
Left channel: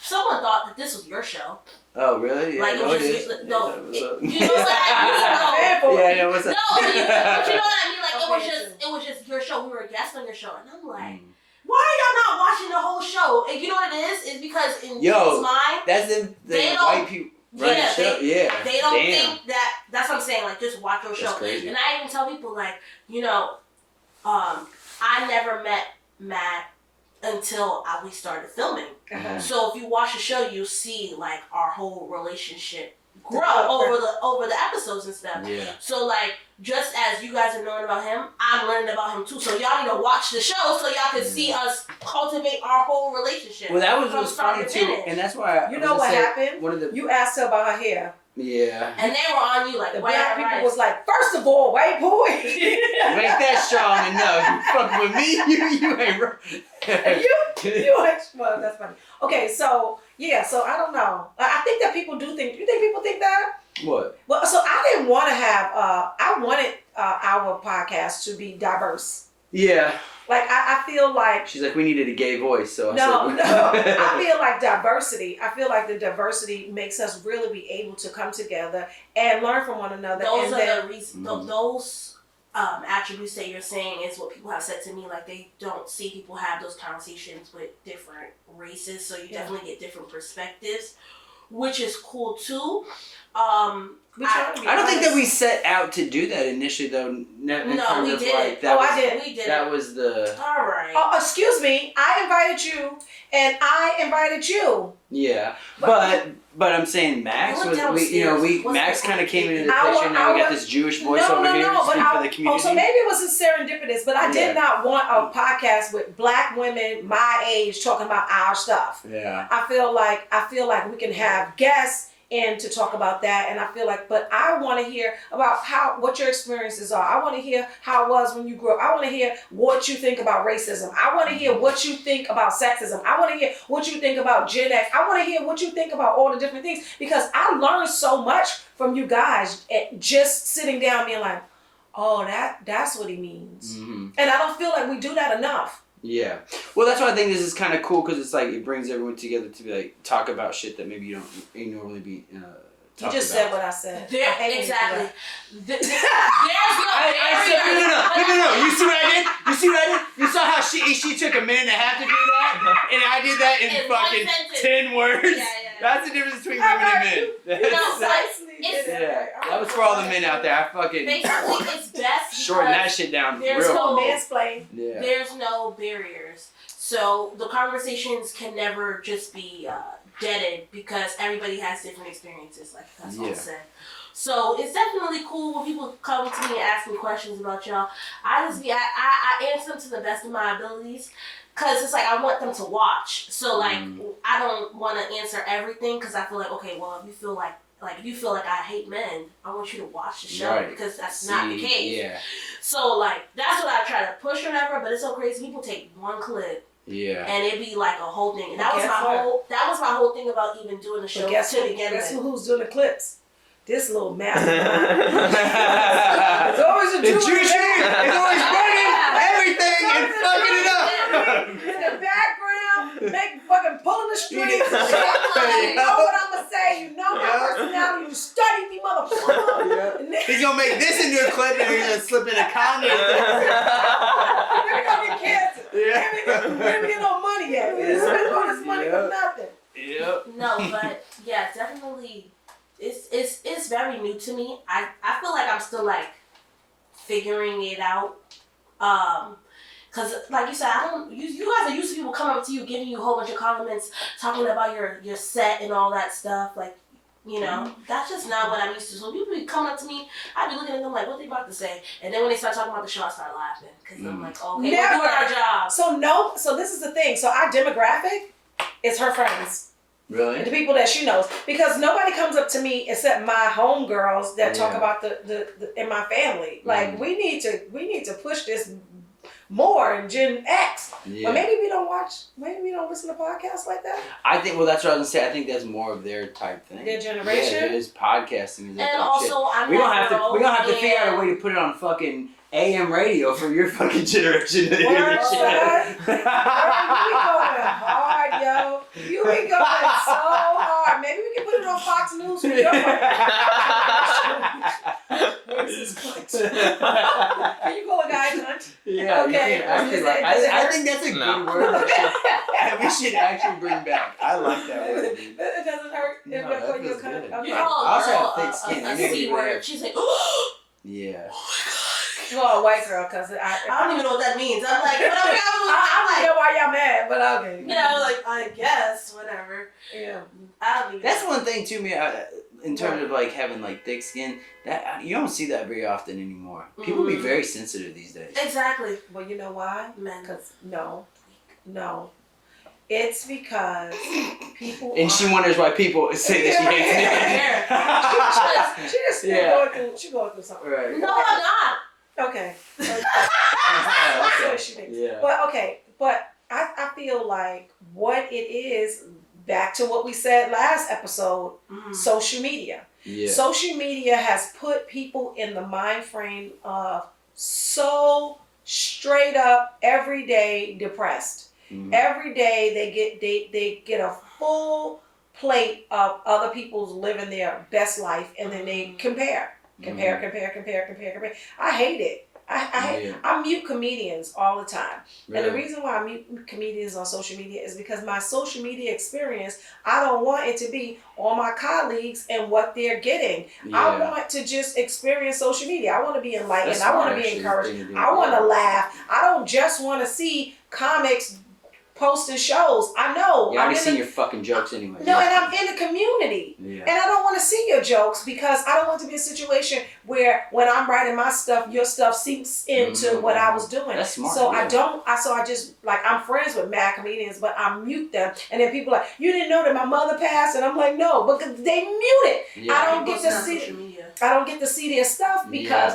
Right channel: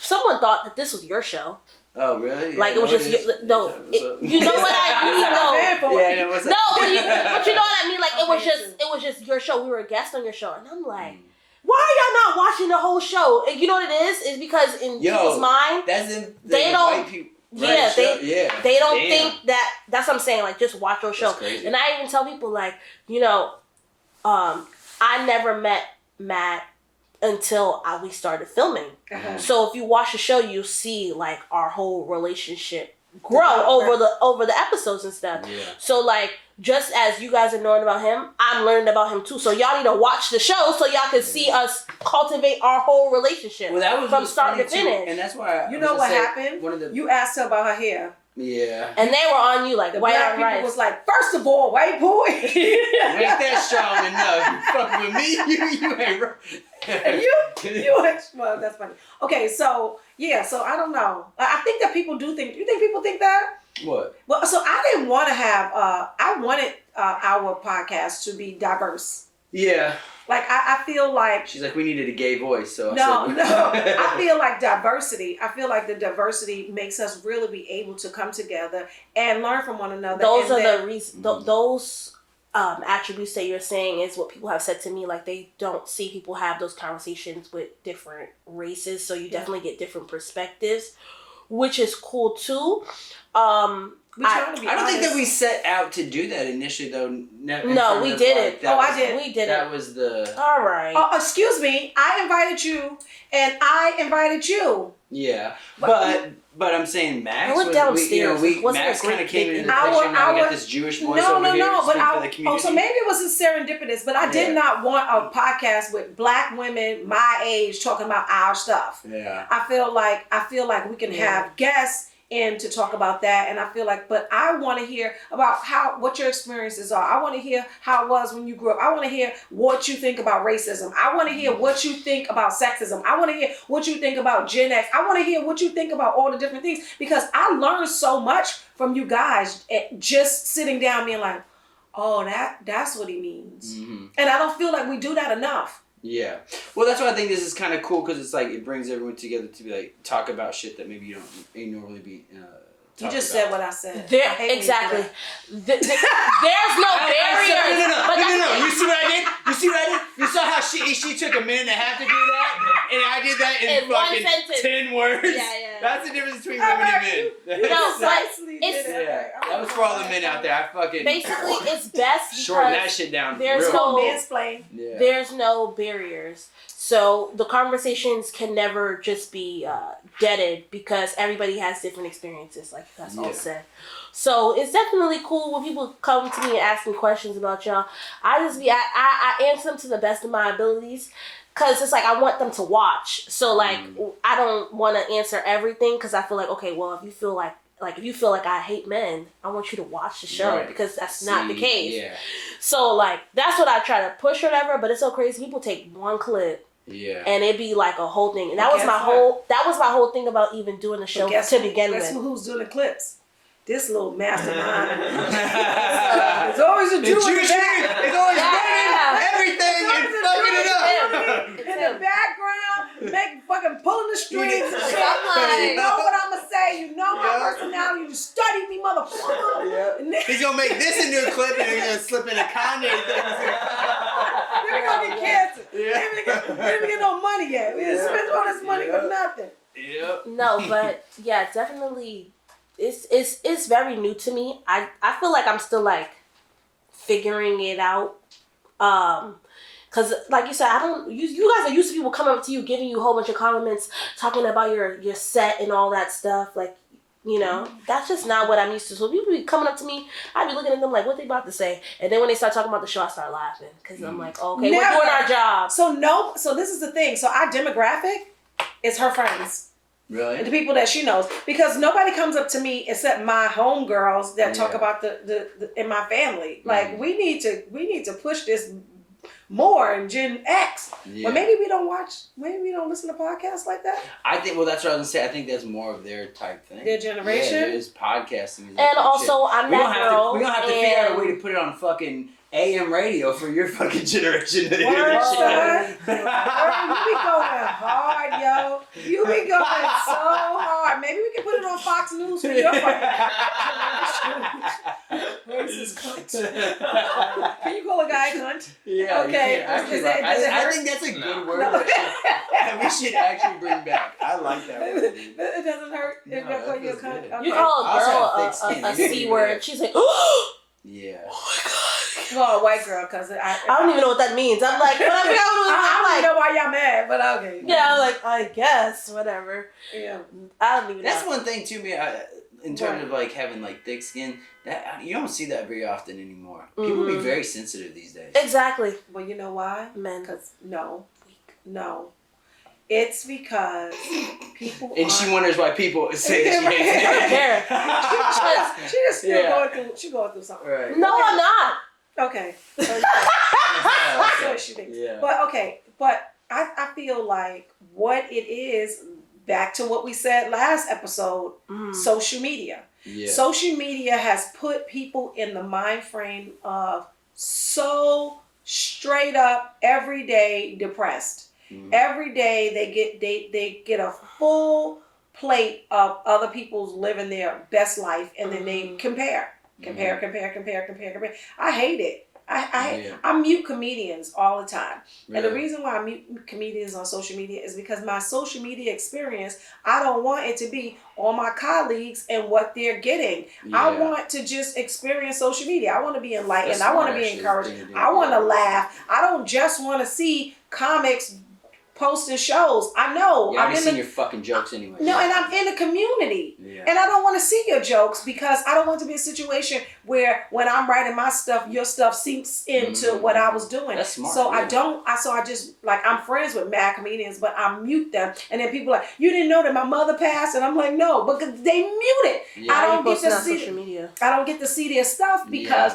someone thought that this was your show. Oh really? Yeah, Like it was just is. no. Yeah, what's up? You know what I mean? Yeah, what's up? No, but you know what I mean. Like Okay, it was just your show. We were a guest on your show, and I'm like, why are y'all not watching the whole show? And you know what it is? It's because in people's mind, that's them. they don't- white people. yeah, they don't Damn. think that. That's what I'm saying. Like just watch your show. That's crazy. And I even tell people like, I never met Matt until we started filming. Uh-huh. So if you watch the show, you'll see like our whole relationship grow over the episodes and stuff. Yeah. So like just as you guys are knowing about him, I'm learning about him too. So y'all need to watch the show so y'all can see us cultivate our whole relationship. Well, that was from what's start funny to too, finish. and that's why You know what happened? One of the You asked her about her hair. yeah. And they were on you like The white black on people rice. was like, first of all, white boy. You ain't that strong enough. You fuck with me, you ain't right. you well, that's funny. Okay, so yeah, so I don't know. I think that people do think. You think people think that? What? Well, so I didn't want to have. I wanted our podcast to be diverse. Yeah. Like I feel like She's like, we needed a gay voice, so no. I said, I feel like diversity. I feel like the diversity makes us really be able to come together and learn from one another. Those and are the reasons. Those attributes that you're saying is what people have said to me. Like they don't see people have those conversations with different races, so you definitely get different perspectives, which is cool too. we try to be I don't think that honest. we set out to do that initially, though. No, we didn't. I did. We did. That was the All right. Oh, excuse me. I invited you, and I invited you. yeah, but I'm saying Max I went was downstairs. Wasn't Max it kind of great? came into the Our- picture. Now we got our- this Jewish voice No, over no, here no. to But speak for the community. so maybe it was a serendipitous. But I did Yeah. not want a podcast with black women my age talking about our stuff. Yeah. I feel like we can have guests in to talk about that, and I feel like, but I want to hear about what your experiences are. I want to hear how it was when you grew up. I want to hear what you think about racism. I want to hear what you think about sexism. I want to hear what you think about Gen X. I want to hear what you think about all the different things, because I learned so much from you guys at just sitting down being like, oh, that's what he means. Mm-hmm. And I don't feel like we do that enough. Yeah. Well, that's why I think this is kind of cool, because it's like it brings everyone together to be like talk about shit that maybe you normally be. You just said what I said. There, I hate when you do exactly. that. There's no barrier. No. You see what I did? You see what I did? You saw how she took a minute and a half to do that, and I did that in In one fucking sentence. 10 words. Yeah. That's the difference between women and men. Precisely. Yeah, that was for all the men out there. I fucking Basically, it's best shorten that because shit down there's real. no- Mansplain. Yeah. there's no barriers. So the conversations can never just be deaded because everybody has different experiences, like that's all said. So it's definitely cool when people come to me and ask me questions about y'all. I answer them to the best of my abilities. Cause it's like I want them to watch, so like I don't want to answer everything because I feel like okay, well if you feel like I hate men, I want you to watch the show because that's not the case. Yeah. So like that's what I try to push or whatever, but it's so crazy. People take one clip Yeah. and it'd be like a whole thing, and that was my whole thing about even doing the show to begin with. Guess who's doing the clips? This little mastermind. It's always a The Jew Jewish man is always burning everything and fucking it up. in the background, fucking pulling the strings and shit. You know what I'm gonna say? You know my personality. You study me, motherfucker. Yeah. And then He's gonna make this into a clip and he's gonna slip in a Kanye thing. we gonna get canceled. Yeah. We didn't get no money yet. We didn't spend all this money for nothing. Yep. No, but yeah, definitely, it's very new to me. I feel like I'm still like figuring it out. Cause like you said, you guys are used to people coming up to you, giving you a whole bunch of compliments, talking about your set and all that stuff. Like, you know, that's just not what I'm used to. So people be coming up to me, I'd be looking at them like, what they about to say? And then when they start talking about the show, I start laughing. Cause I'm like, okay, Never. we're doing our job. So this is the thing. So our demographic is her friends. Really? And the people that she knows, because nobody comes up to me except my homegirls that talk about the in my family. Like we need to push this more in Gen X. But maybe we don't listen to podcasts like that. I think, well, that's what I was gonna say. I think that's more of their type thing. Their generation. Yeah, it is podcasting. And also, I'm we don't that have girl. to. We don't have to figure out a way to put it on fucking AM radio for your fucking generation to hear this shit. Girl, you be going hard, yo. You be going so hard. Maybe we can put it on Fox News for your racist cunt. Can you call a guy cunt? Yeah. Okay. You can actually, I think that's a good word that we should actually bring back. I like that word. Dude. It doesn't hurt if No, you that call you a feels cunt. good. Okay. You call I also a have girl thick skin. a You need to C be word. rare. She's like, Yeah. Well, a white girl, because I don't even know what that means. I'm like, I don't even know why y'all mad, but okay. Yeah, like, I guess, whatever. Yeah. I don't even That's know. one thing to me. In terms of like having like thick skin, that you don't see that very often anymore. People be very sensitive these days. Exactly. Well, you know why? Men. Because no. It's because people. And she wonders why people say that she hates me. She just still going through something. Right. No, I'm not. Okay. That's what she thinks. Yeah. But I feel like what it is, back to what we said last episode, social media. Yeah. Social media has put people in the mind frame of so straight up everyday depressed. Every day they get a full plate of other people's living their best life, and then they compare. I hate it. I mute comedians all the time. Really? And the reason why I mute comedians on social media is because my social media experience, I don't want it to be on my colleagues and what they're getting. Yeah. I want to just experience social media. I want to be enlightened. I want to be encouraged. I want to laugh. I don't just want to see comics posting shows. I know. You already seen your fucking jokes anyway. No, and I'm in the community. Yeah. And I don't want to see your jokes because I don't want to be in a situation where when I'm writing my stuff, your stuff seeps into what I was doing. That's smart. So I just, like, I'm friends with mad comedians, but I mute them. And then people are like, you didn't know that my mother passed? And I'm like, no, because they mute it. Yeah. I don't get to see their stuff because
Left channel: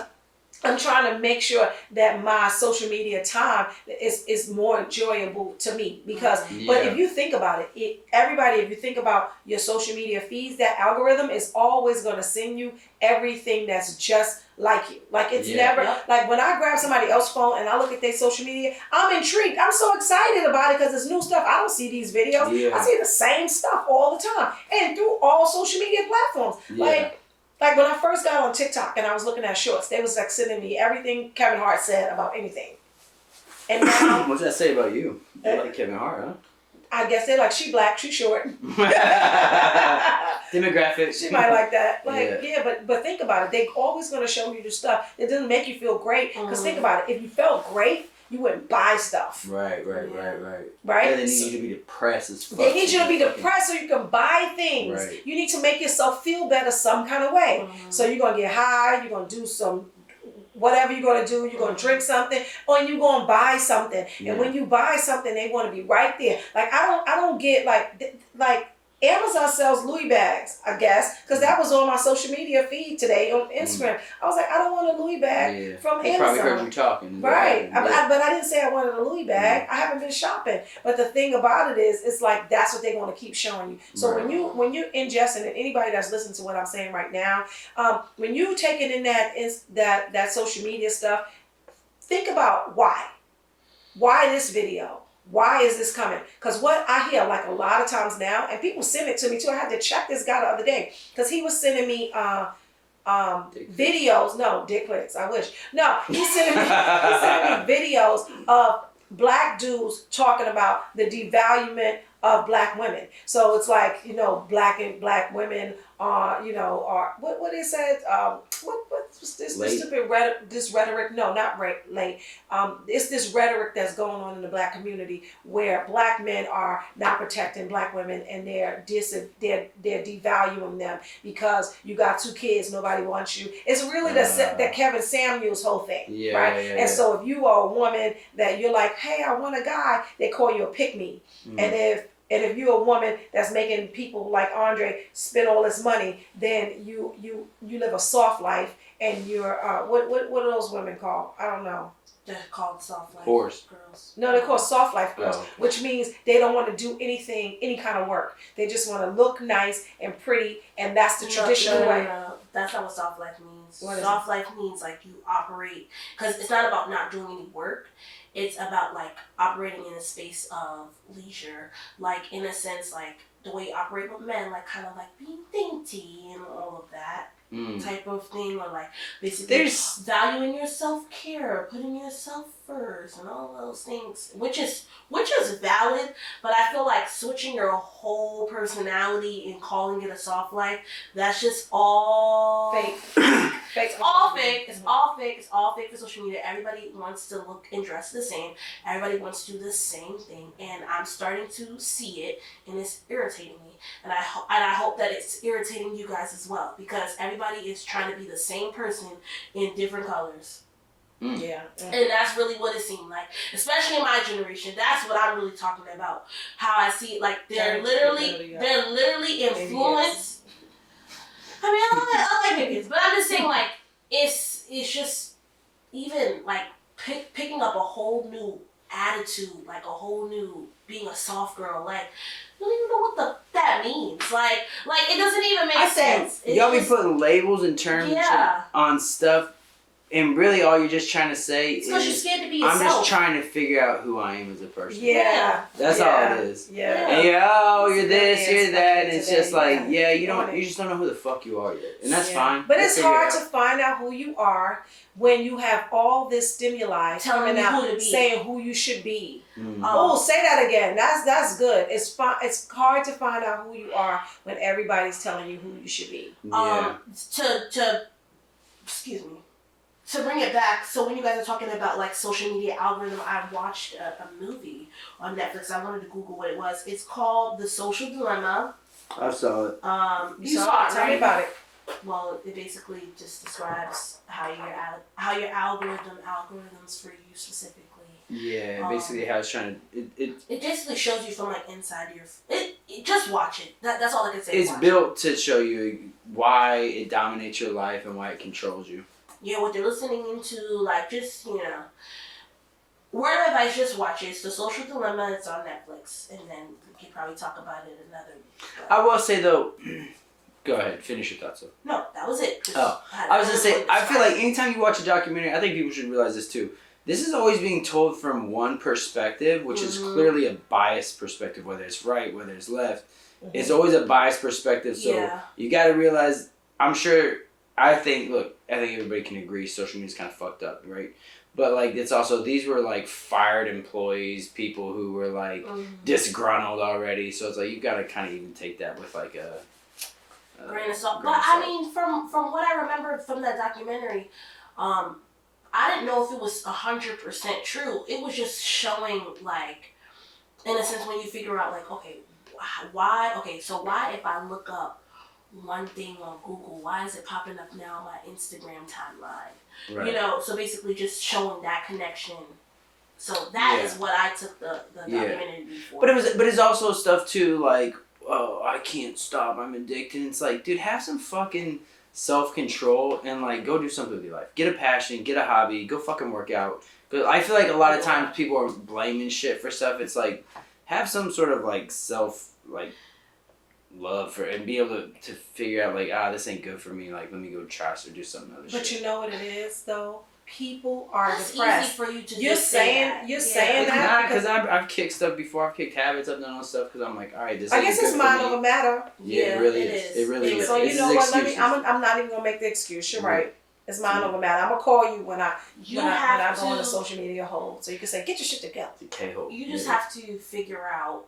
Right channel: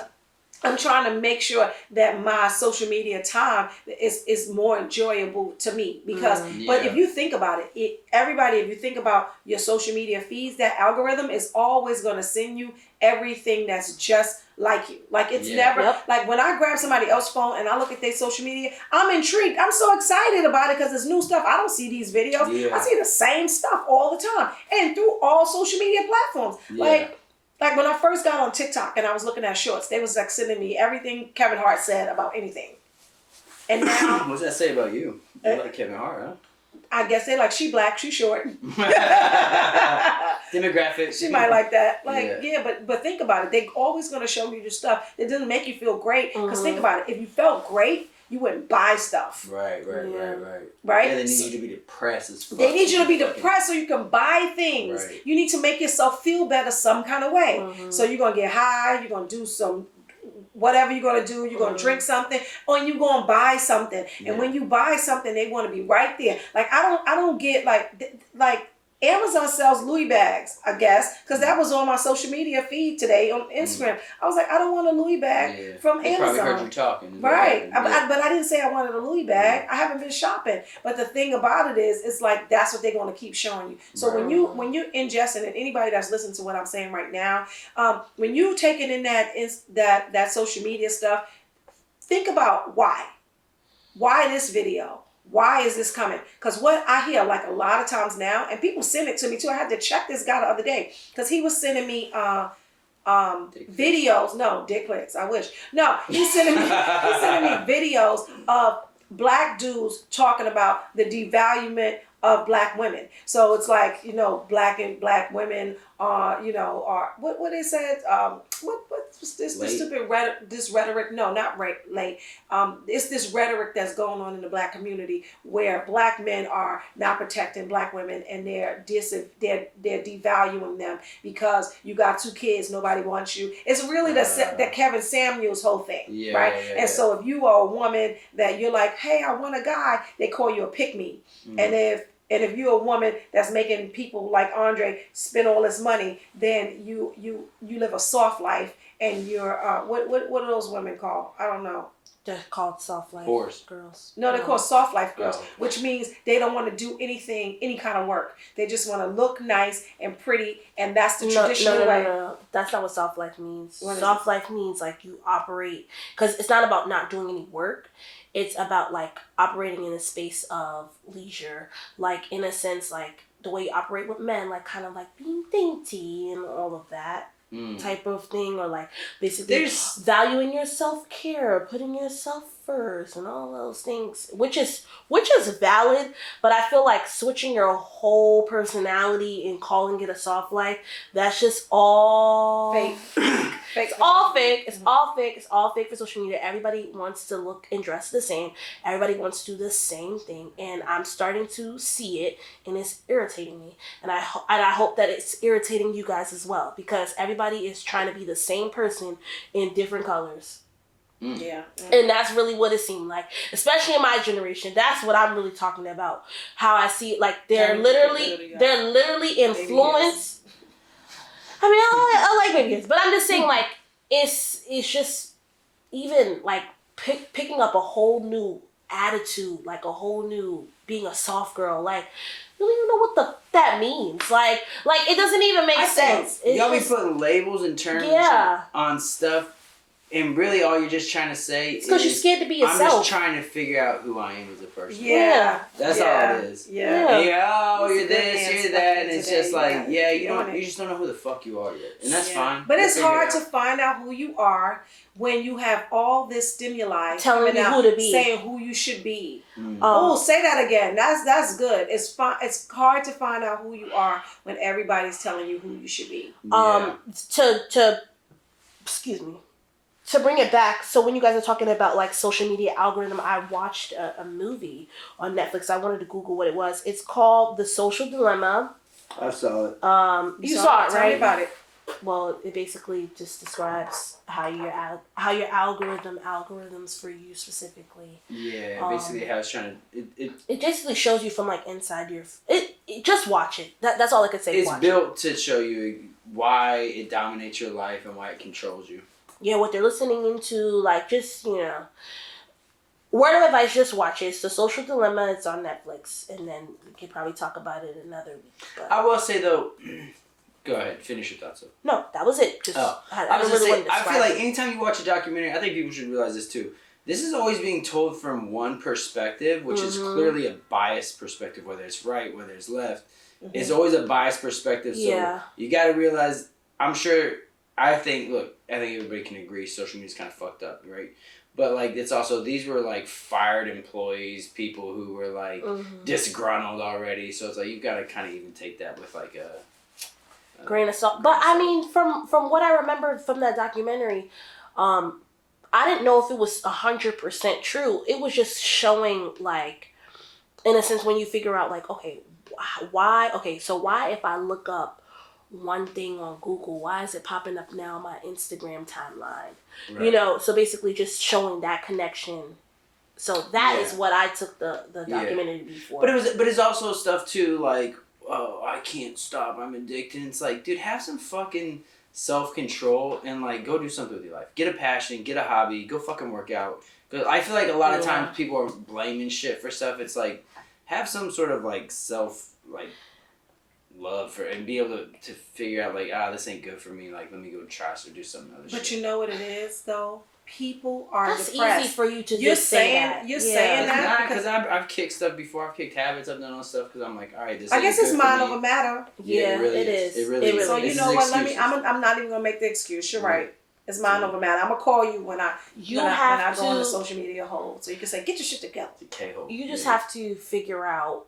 I'm trying to make sure that my social media time is more enjoyable to me because, but if you think about it, if you think about your social media feeds, that algorithm is always going to send you everything that's just like you. Like it's never, like when I grab somebody else's phone and I look at their social media, I'm intrigued. I'm so excited about it because it's new stuff. I don't see these videos. I see the same stuff all the time and through all social media platforms. Like when I first got on TikTok and I was looking at shorts, they was like sending me everything Kevin Hart said about anything. And now, what does that say about you? You like Kevin Hart, huh? I guess they like, she black, she short. Demographic. She might like that. But think about it. They always going to show you the stuff that doesn't make you feel great. Because think about it. If you felt great, you wouldn't buy stuff. Right. Right? Yeah, they need you to be depressed as fuck. They need you to be depressed so you can buy things. Right. You need to make yourself feel better some kind of way. So you're going to get high, you're going to do some, whatever you're going to do, you're going to drink something, or you're going to buy something. And when you buy something, they want to be right there. Like, I don't get, like Amazon sells Louis bags, I guess, because that was on my social media feed today on Instagram. I was like, I don't want a Louis bag from Amazon. Probably heard you talking. Right. But I didn't say I wanted a Louis bag. I haven't been shopping. But the thing about it is, it's like, that's what they're going to keep showing you. So when you're ingesting, and anybody that's listening to what I'm saying right now, when you taking in that social media stuff, think about why. Why this video? Why is this coming? Because what I hear, like a lot of times now, and people send it to me too. I had to check this guy the other day because he was sending me videos. No, dick pics. I wish. No, he's sending me videos of black dudes talking about the devaluement of black women. So it's like, black women are, are what they said, what's this stupid rhetoric? No, not late. It's this rhetoric that's going on in the black community where black men are not protecting black women and they're devaluing them because you got 2 kids, nobody wants you. It's really that Kevin Samuels whole thing, right? So if you are a woman that you're like, hey, I want a guy, they call you a pick-me. And if And if you're a woman that's making people like Andre spend all this money, then you live a soft life, and you're what are those women called? I don't know. They're called soft life Whores. girls. No, they're called soft life girls, Oh. which means they don't want to do anything, any kind of work. They just want to look nice and pretty, and that's the traditional way. No. That's not what soft life means. What is Soft life means like you operate, because it's not about not doing any work. It's about like operating in a space of leisure, like in a sense, like the way you operate with men, like kind of like being dainty and all of that. Type of thing, or like basically There's valuing your self-care, putting yourself first, and all those things, which is valid. But I feel like switching your whole personality and calling it a soft life, that's just all Fake. Fake. It's all fake. It's all fake. It's all fake for social media. Everybody wants to look and dress the same. Everybody wants to do the same thing, and I'm starting to see it, and it's irritating me. And I hope that it's irritating you guys as well, because everybody is trying to be the same person in different colors. Yeah. And that's really what it seemed like, especially in my generation. That's what I'm really talking about. How I see it, like they're literally influenced. I mean, I like babies, but I'm just saying, like, it's just even like picking up a whole new attitude, like a whole new being a soft girl. Like, you don't even know what that means. Like it doesn't even make sense. Y'all be putting labels and terms on stuff, and really all you're just trying to say is because you're scared to be yourself. I'm just trying to figure out who I am as a person. Yeah. That's all it is. Yeah. And you're this, you're that, and it's just like, you just don't know who the fuck you are yet. And that's fine. But it's hard to find out who you are when you have all this stimuli telling you who to be, saying who you should be. Mm. Say that again. That's good. It's It's hard to find out who you are when everybody's telling you who you should be. Excuse me. To bring it back, so when you guys are talking about like social media algorithm, I watched a movie on Netflix. I wanted to Google what it was. It's called The Social Dilemma. I saw it. You saw it, right? Tell me about it. Well, it basically just describes how your algorithms for you specifically. Yeah, basically how it's trying to it basically shows you from like inside your just watch it. That's all I can say. It's built to show you why it dominates your life and why it controls you. Yeah, what they're listening into, like, just, word of advice, just watch it. It's The Social Dilemma. It's on Netflix. And then we can probably talk about it another week. But I will say, though, go ahead, finish your thoughts, though. No, that was it. I was going to say, I feel like anytime you watch a documentary, I think people should realize this, too. This is always being told from one perspective, which is clearly a biased perspective, whether it's right, whether it's left. Mm-hmm. It's always a biased perspective, so you got to realize, I think everybody can agree social media is kind of fucked up, right? But, like, it's also, these were, like, fired employees, people who were, like, disgruntled already. So it's like, you've got to kind of even take that with, like, a grain of salt. But, I mean, from what I remember from that documentary, I didn't know if it was 100% true. It was just showing, like, in a sense, when you figure out, like, okay, why if I look up one thing on Google, why is it popping up now on my Instagram timeline? Right. So basically just showing that connection. So that is what I took the documentary to be for. But it's also stuff too, like, oh, I can't stop, I'm addicted. It's like, dude, have some fucking self-control and, like, go do something with your life. Get a passion, get a hobby, go fucking work out. Because I feel like a lot of times people are blaming shit for stuff. It's like, have some sort of, like, love for, and be able to figure out, like, this ain't good for me, like, let me go try or do something other shit. But you know what it is, though? People are That's depressed. Easy for you to you're just saying say that. You're saying that because I've kicked stuff before. I've kicked habits. I've done all stuff because I'm like, all right, this. I guess it's mind over matter. Yeah, it really is. It really is. So you know what? I'm not even gonna make the excuse. You're right. It's mind over matter. I'm gonna call you when I go on the social media hole, so you can say, get your shit together. The K-hole. You just have to figure out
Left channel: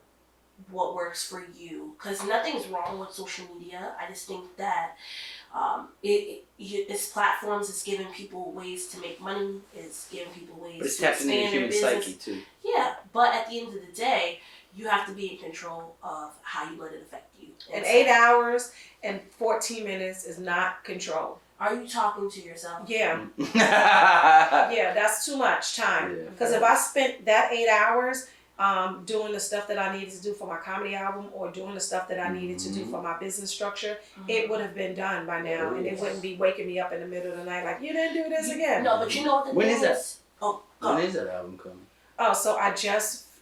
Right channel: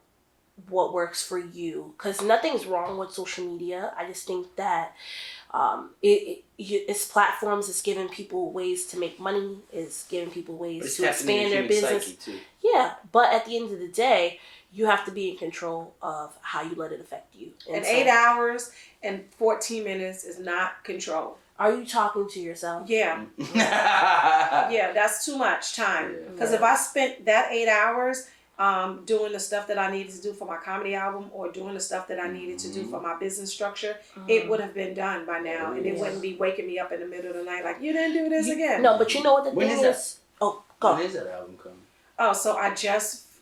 what works for you, because nothing's wrong with social media. I just think that it's platforms. It's giving people ways to make money. It's giving people ways to expand their business. Psyche too. Yeah, but at the end of the day, you have to be in control of how you let it affect you. And 8 hours and 14 minutes is not control. Are you talking to yourself? Yeah. Yeah, that's too much time. Because if I spent that 8 hours doing the stuff that I needed to do for my comedy album or doing the stuff that I needed to do for my business structure, it would have been done by now, and it wouldn't be waking me up in the middle of the night like, you didn't do this again. No, but you know what the When thing is that? Oh, go. When is that album coming? Oh, so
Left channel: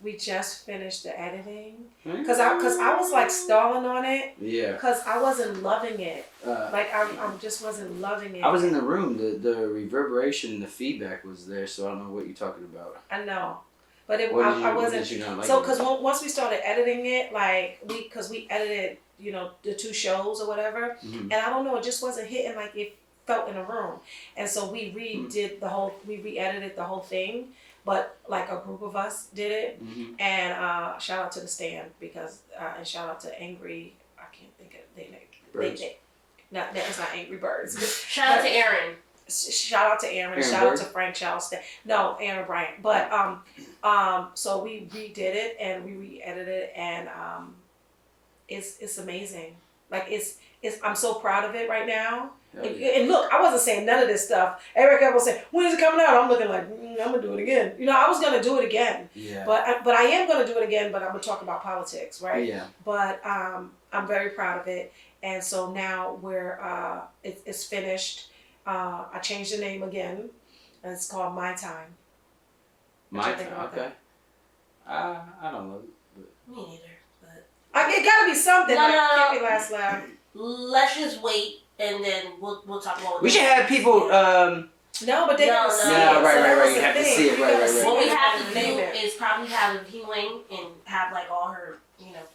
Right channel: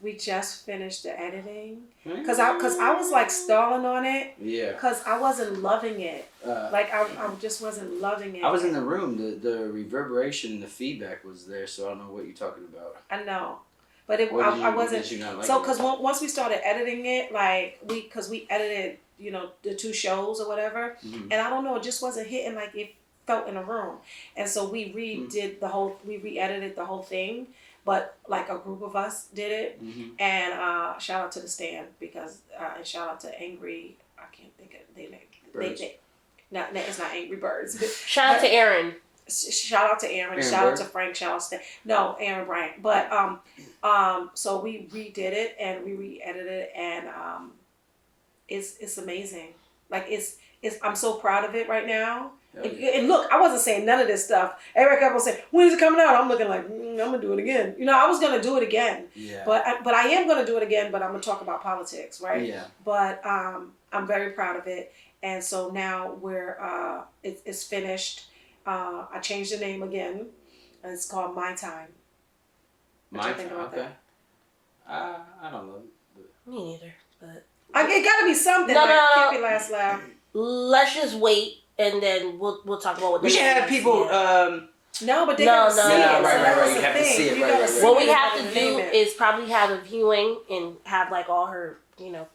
we just finished the editing because I was like stalling on it. Yeah. Because I wasn't loving it. I just wasn't loving it. I was in the room. The reverberation and the feedback was there, so I don't know what you're talking about. I know. But I wasn't. What did you not like So, about because once we started editing it, like, we edited, the 2 shows or whatever, and I don't know, it just wasn't hitting like it felt in a room. And so we re-edited the whole thing, but like a group of us did it. And shout out to the Stand and shout out to Angry, I can't think of their name. No, it's not Angry Birds. Shout out to Aaron. Shout out to Aaron. Shout out to Frank. Shout out to Aaron Bryant. But so we redid it and we re-edited it, and it's amazing. Like it's I'm so proud of it right now. And look, I wasn't saying none of this stuff. Eric kept on saying, "When is it coming out?" I'm looking like, I'm gonna do it again. I was gonna do it again. Yeah. But I am gonna do it again. But I'm gonna talk about politics, right? Yeah. But I'm very proud of it, and so now it's finished. I changed the name again, and it's called My Time. My Time, okay. I don't know. Me neither, but... It gotta be something. No. Can't be last laugh. Let's just wait, and then we'll talk about what... We should have people... No, but they gotta see it. Right. You have to see it, right. What we have to do is probably have a viewing and have like all her,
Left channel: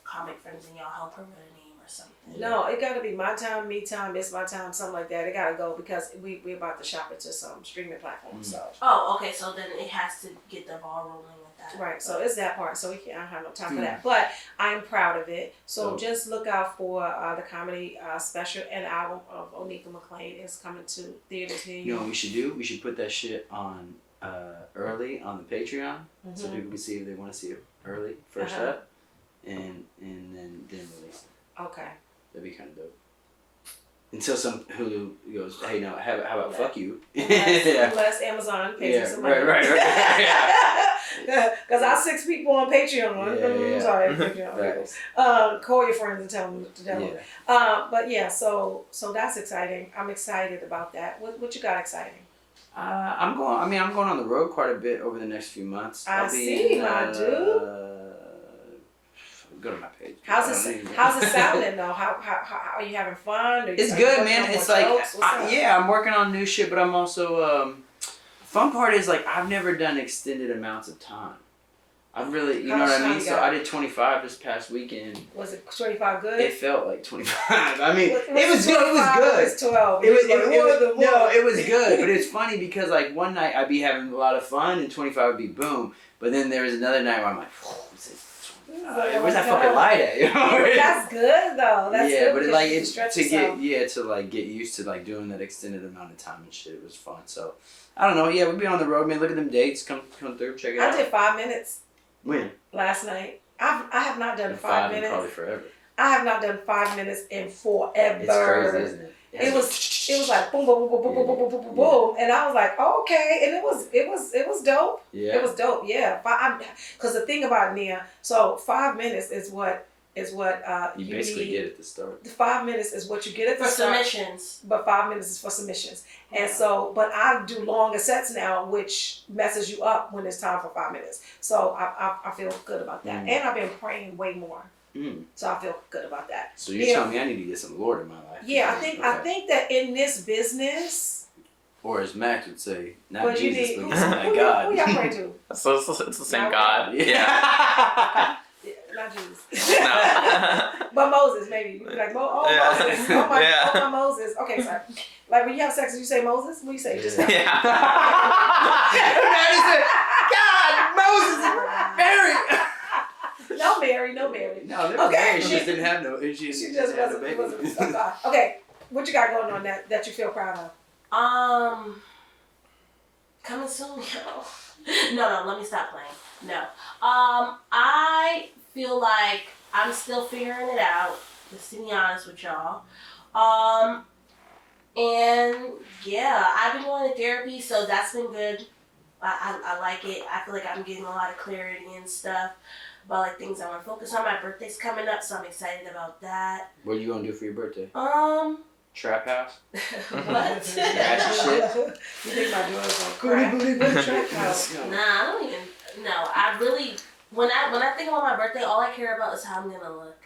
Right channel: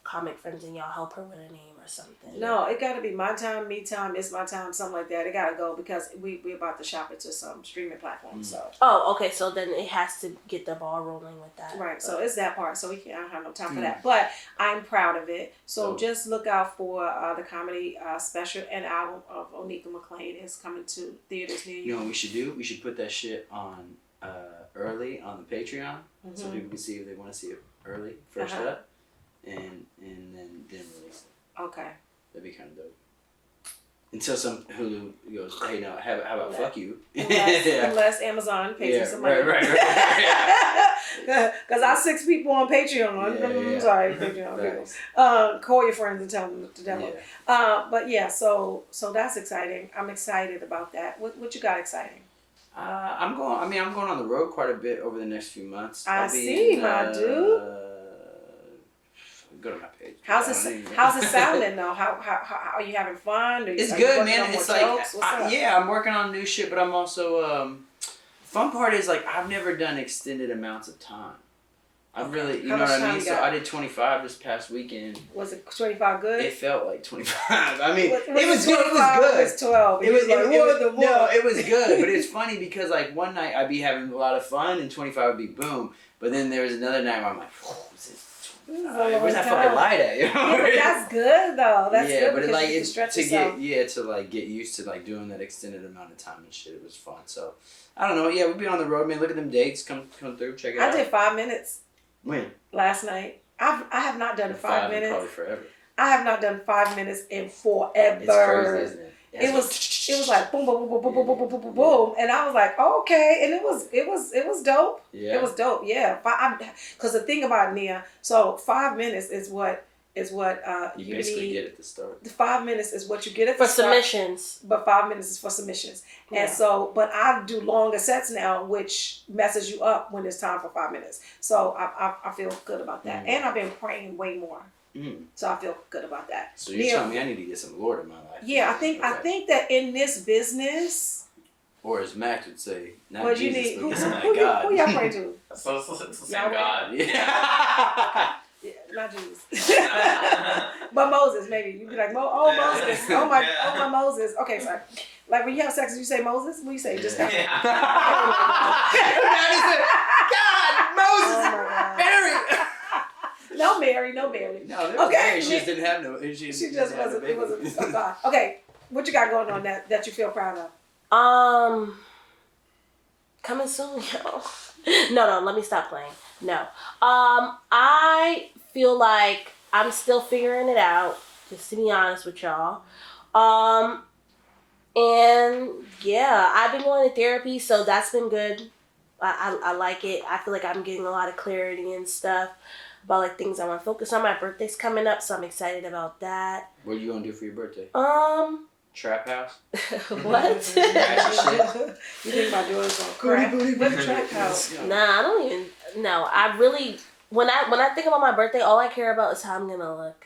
comic friends, and y'all help her with a name or something. No, it gotta be My Time, Me Time, It's My Time, something like that. It gotta go because we about to shop it to some streaming platforms. So. Oh, okay. So then it has to get the ball rolling with that. Right. So it's that part. So I don't have no time for that. But I'm proud of it. So just look out for the comedy special and album of Onika McLean is coming to theaters near you. You know what we should do? We should put that shit on early on the Patreon, so people can see if they want to see it early, first up, and then release it. Okay. That'd be kind of dope. Until some Hulu goes, hey, no, how about fuck you? Unless Amazon pays me some money. Right. Because our 6 people on Patreon. I'm sorry, Patreon. Call your friends and tell them to download. But yeah, so that's exciting. I'm excited about that. What you got exciting? I'm going on the road quite a bit over the next few months. I see, my dude. Go to my page. How's it sounding though? How are you having fun? It's good, man. It's like I'm working on new shit, but I'm also fun part is like I've never done extended amounts of time. I've really, you know what I mean. So I did 25 this past weekend. Was it 25 good? It felt like 25. I mean, it was good. It was good. It was 12. It was good, but it's funny because like one night I'd be having a lot of fun and 25 would be boom, but then there was another night where I'm like, where's that fucking light at? Yeah, but that's good though. That's good. But like it's to get used to like doing that extended amount of time and shit. It was fun. So I don't know. Yeah, we'd be on the road, man. Look at them dates. Come through. Check it out. I did 5 minutes. When? Last night. I have not done 5 minutes. Probably forever. I have not done 5 minutes in forever. It's crazy, isn't it? It was like boom, boom, boom, boom, boom, boom, boom, boom, boom, boom, and I was like, oh, okay, and it was dope. Yeah, it was dope. Yeah, because the thing about Nia, so 5 minutes is what you basically get at the start. The 5 minutes is what you get at the start. For submissions. But 5 minutes is for submissions, and so but I do longer sets now, which messes you up when it's time for 5 minutes. So I feel good about that, and I've been praying way more. So I feel good about that. So you're telling me I need to get some Lord in my life? Yeah, I think that in this business, or as Max would say, not but Jesus, but who God. Who y'all pray to? So it's the same God. Yeah, not Jesus. But Moses, maybe you'd be like, Moses, oh my Moses. Okay, sorry. Like when you have sex, you say Moses. What do you say? Just God, Moses, Mary. No Mary. No, there was Mary. She just didn't have no. She just wasn't. Oh God. Okay, what you got going on that you feel proud of? Coming soon, yo. No, let me stop playing. No. I feel like I'm still figuring it out, just to be honest with y'all. And yeah, I've been going to therapy, so that's been good. I like it. I feel like I'm getting a lot of clarity and stuff about like things I want to focus on. My birthday's coming up, so I'm excited about that. What are you gonna do for your birthday? Trap house. What? Ratchet shit. You think my daughter's on crack? What a track house. Nah, I don't even. No, I really. When I think about my birthday, all I care about is how I'm gonna look.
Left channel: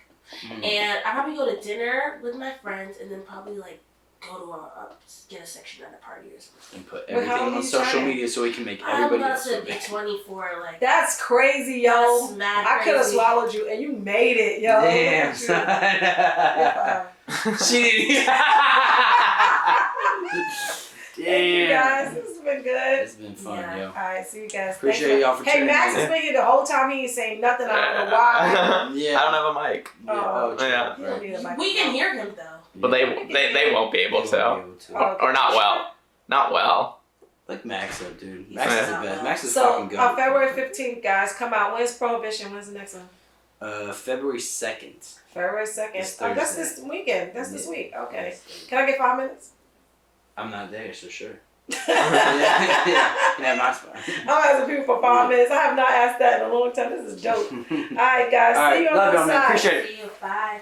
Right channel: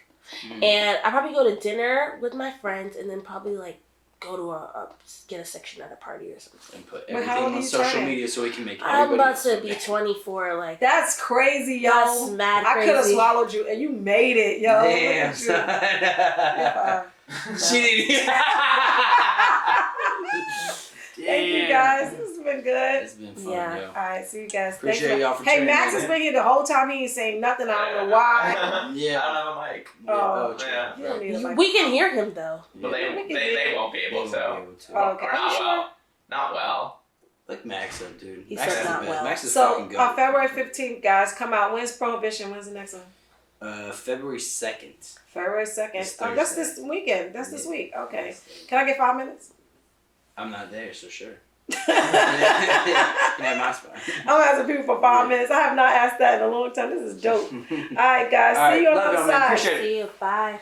And I probably go to dinner with my friends, and then probably like go to get a section at a party or something. And put Wait, how everything old on are you social turning? media so we can make I'm everybody about else to look be bad. 24. Like That's crazy, yo. that's mad I could have crazy. swallowed you, and you made it, yo. Damn, Look son. at you. She didn't even. Thank you guys. This has been good. It's been fun, Yeah. yo. All right, see you guys. Appreciate Thanks y'all for Hey, tuning Max in. has been here the whole time. He ain't saying nothing. I don't know why. Yeah. I don't have a mic. Yeah. Oh, true. Yeah. You don't need a mic. We can hear him though. But they won't be able to. Oh, okay. Or not well. Not well. Like Max up, dude. He's Max is the not best. well. Max is So, fucking good. on February 15th, guys, come out. When's Prohibition? When's the next one? February 2nd. February 2nd. It's Oh, that's Thursday. this weekend. That's this Yeah. week. Okay. Can I get 5 minutes? I'm not there, so sure. You I'm can have my spot. asking people for 5 minutes. I have not asked that in a long time. This is dope. All right, guys. All See right, you on love the y'all, man. side. Appreciate it. See you. Bye.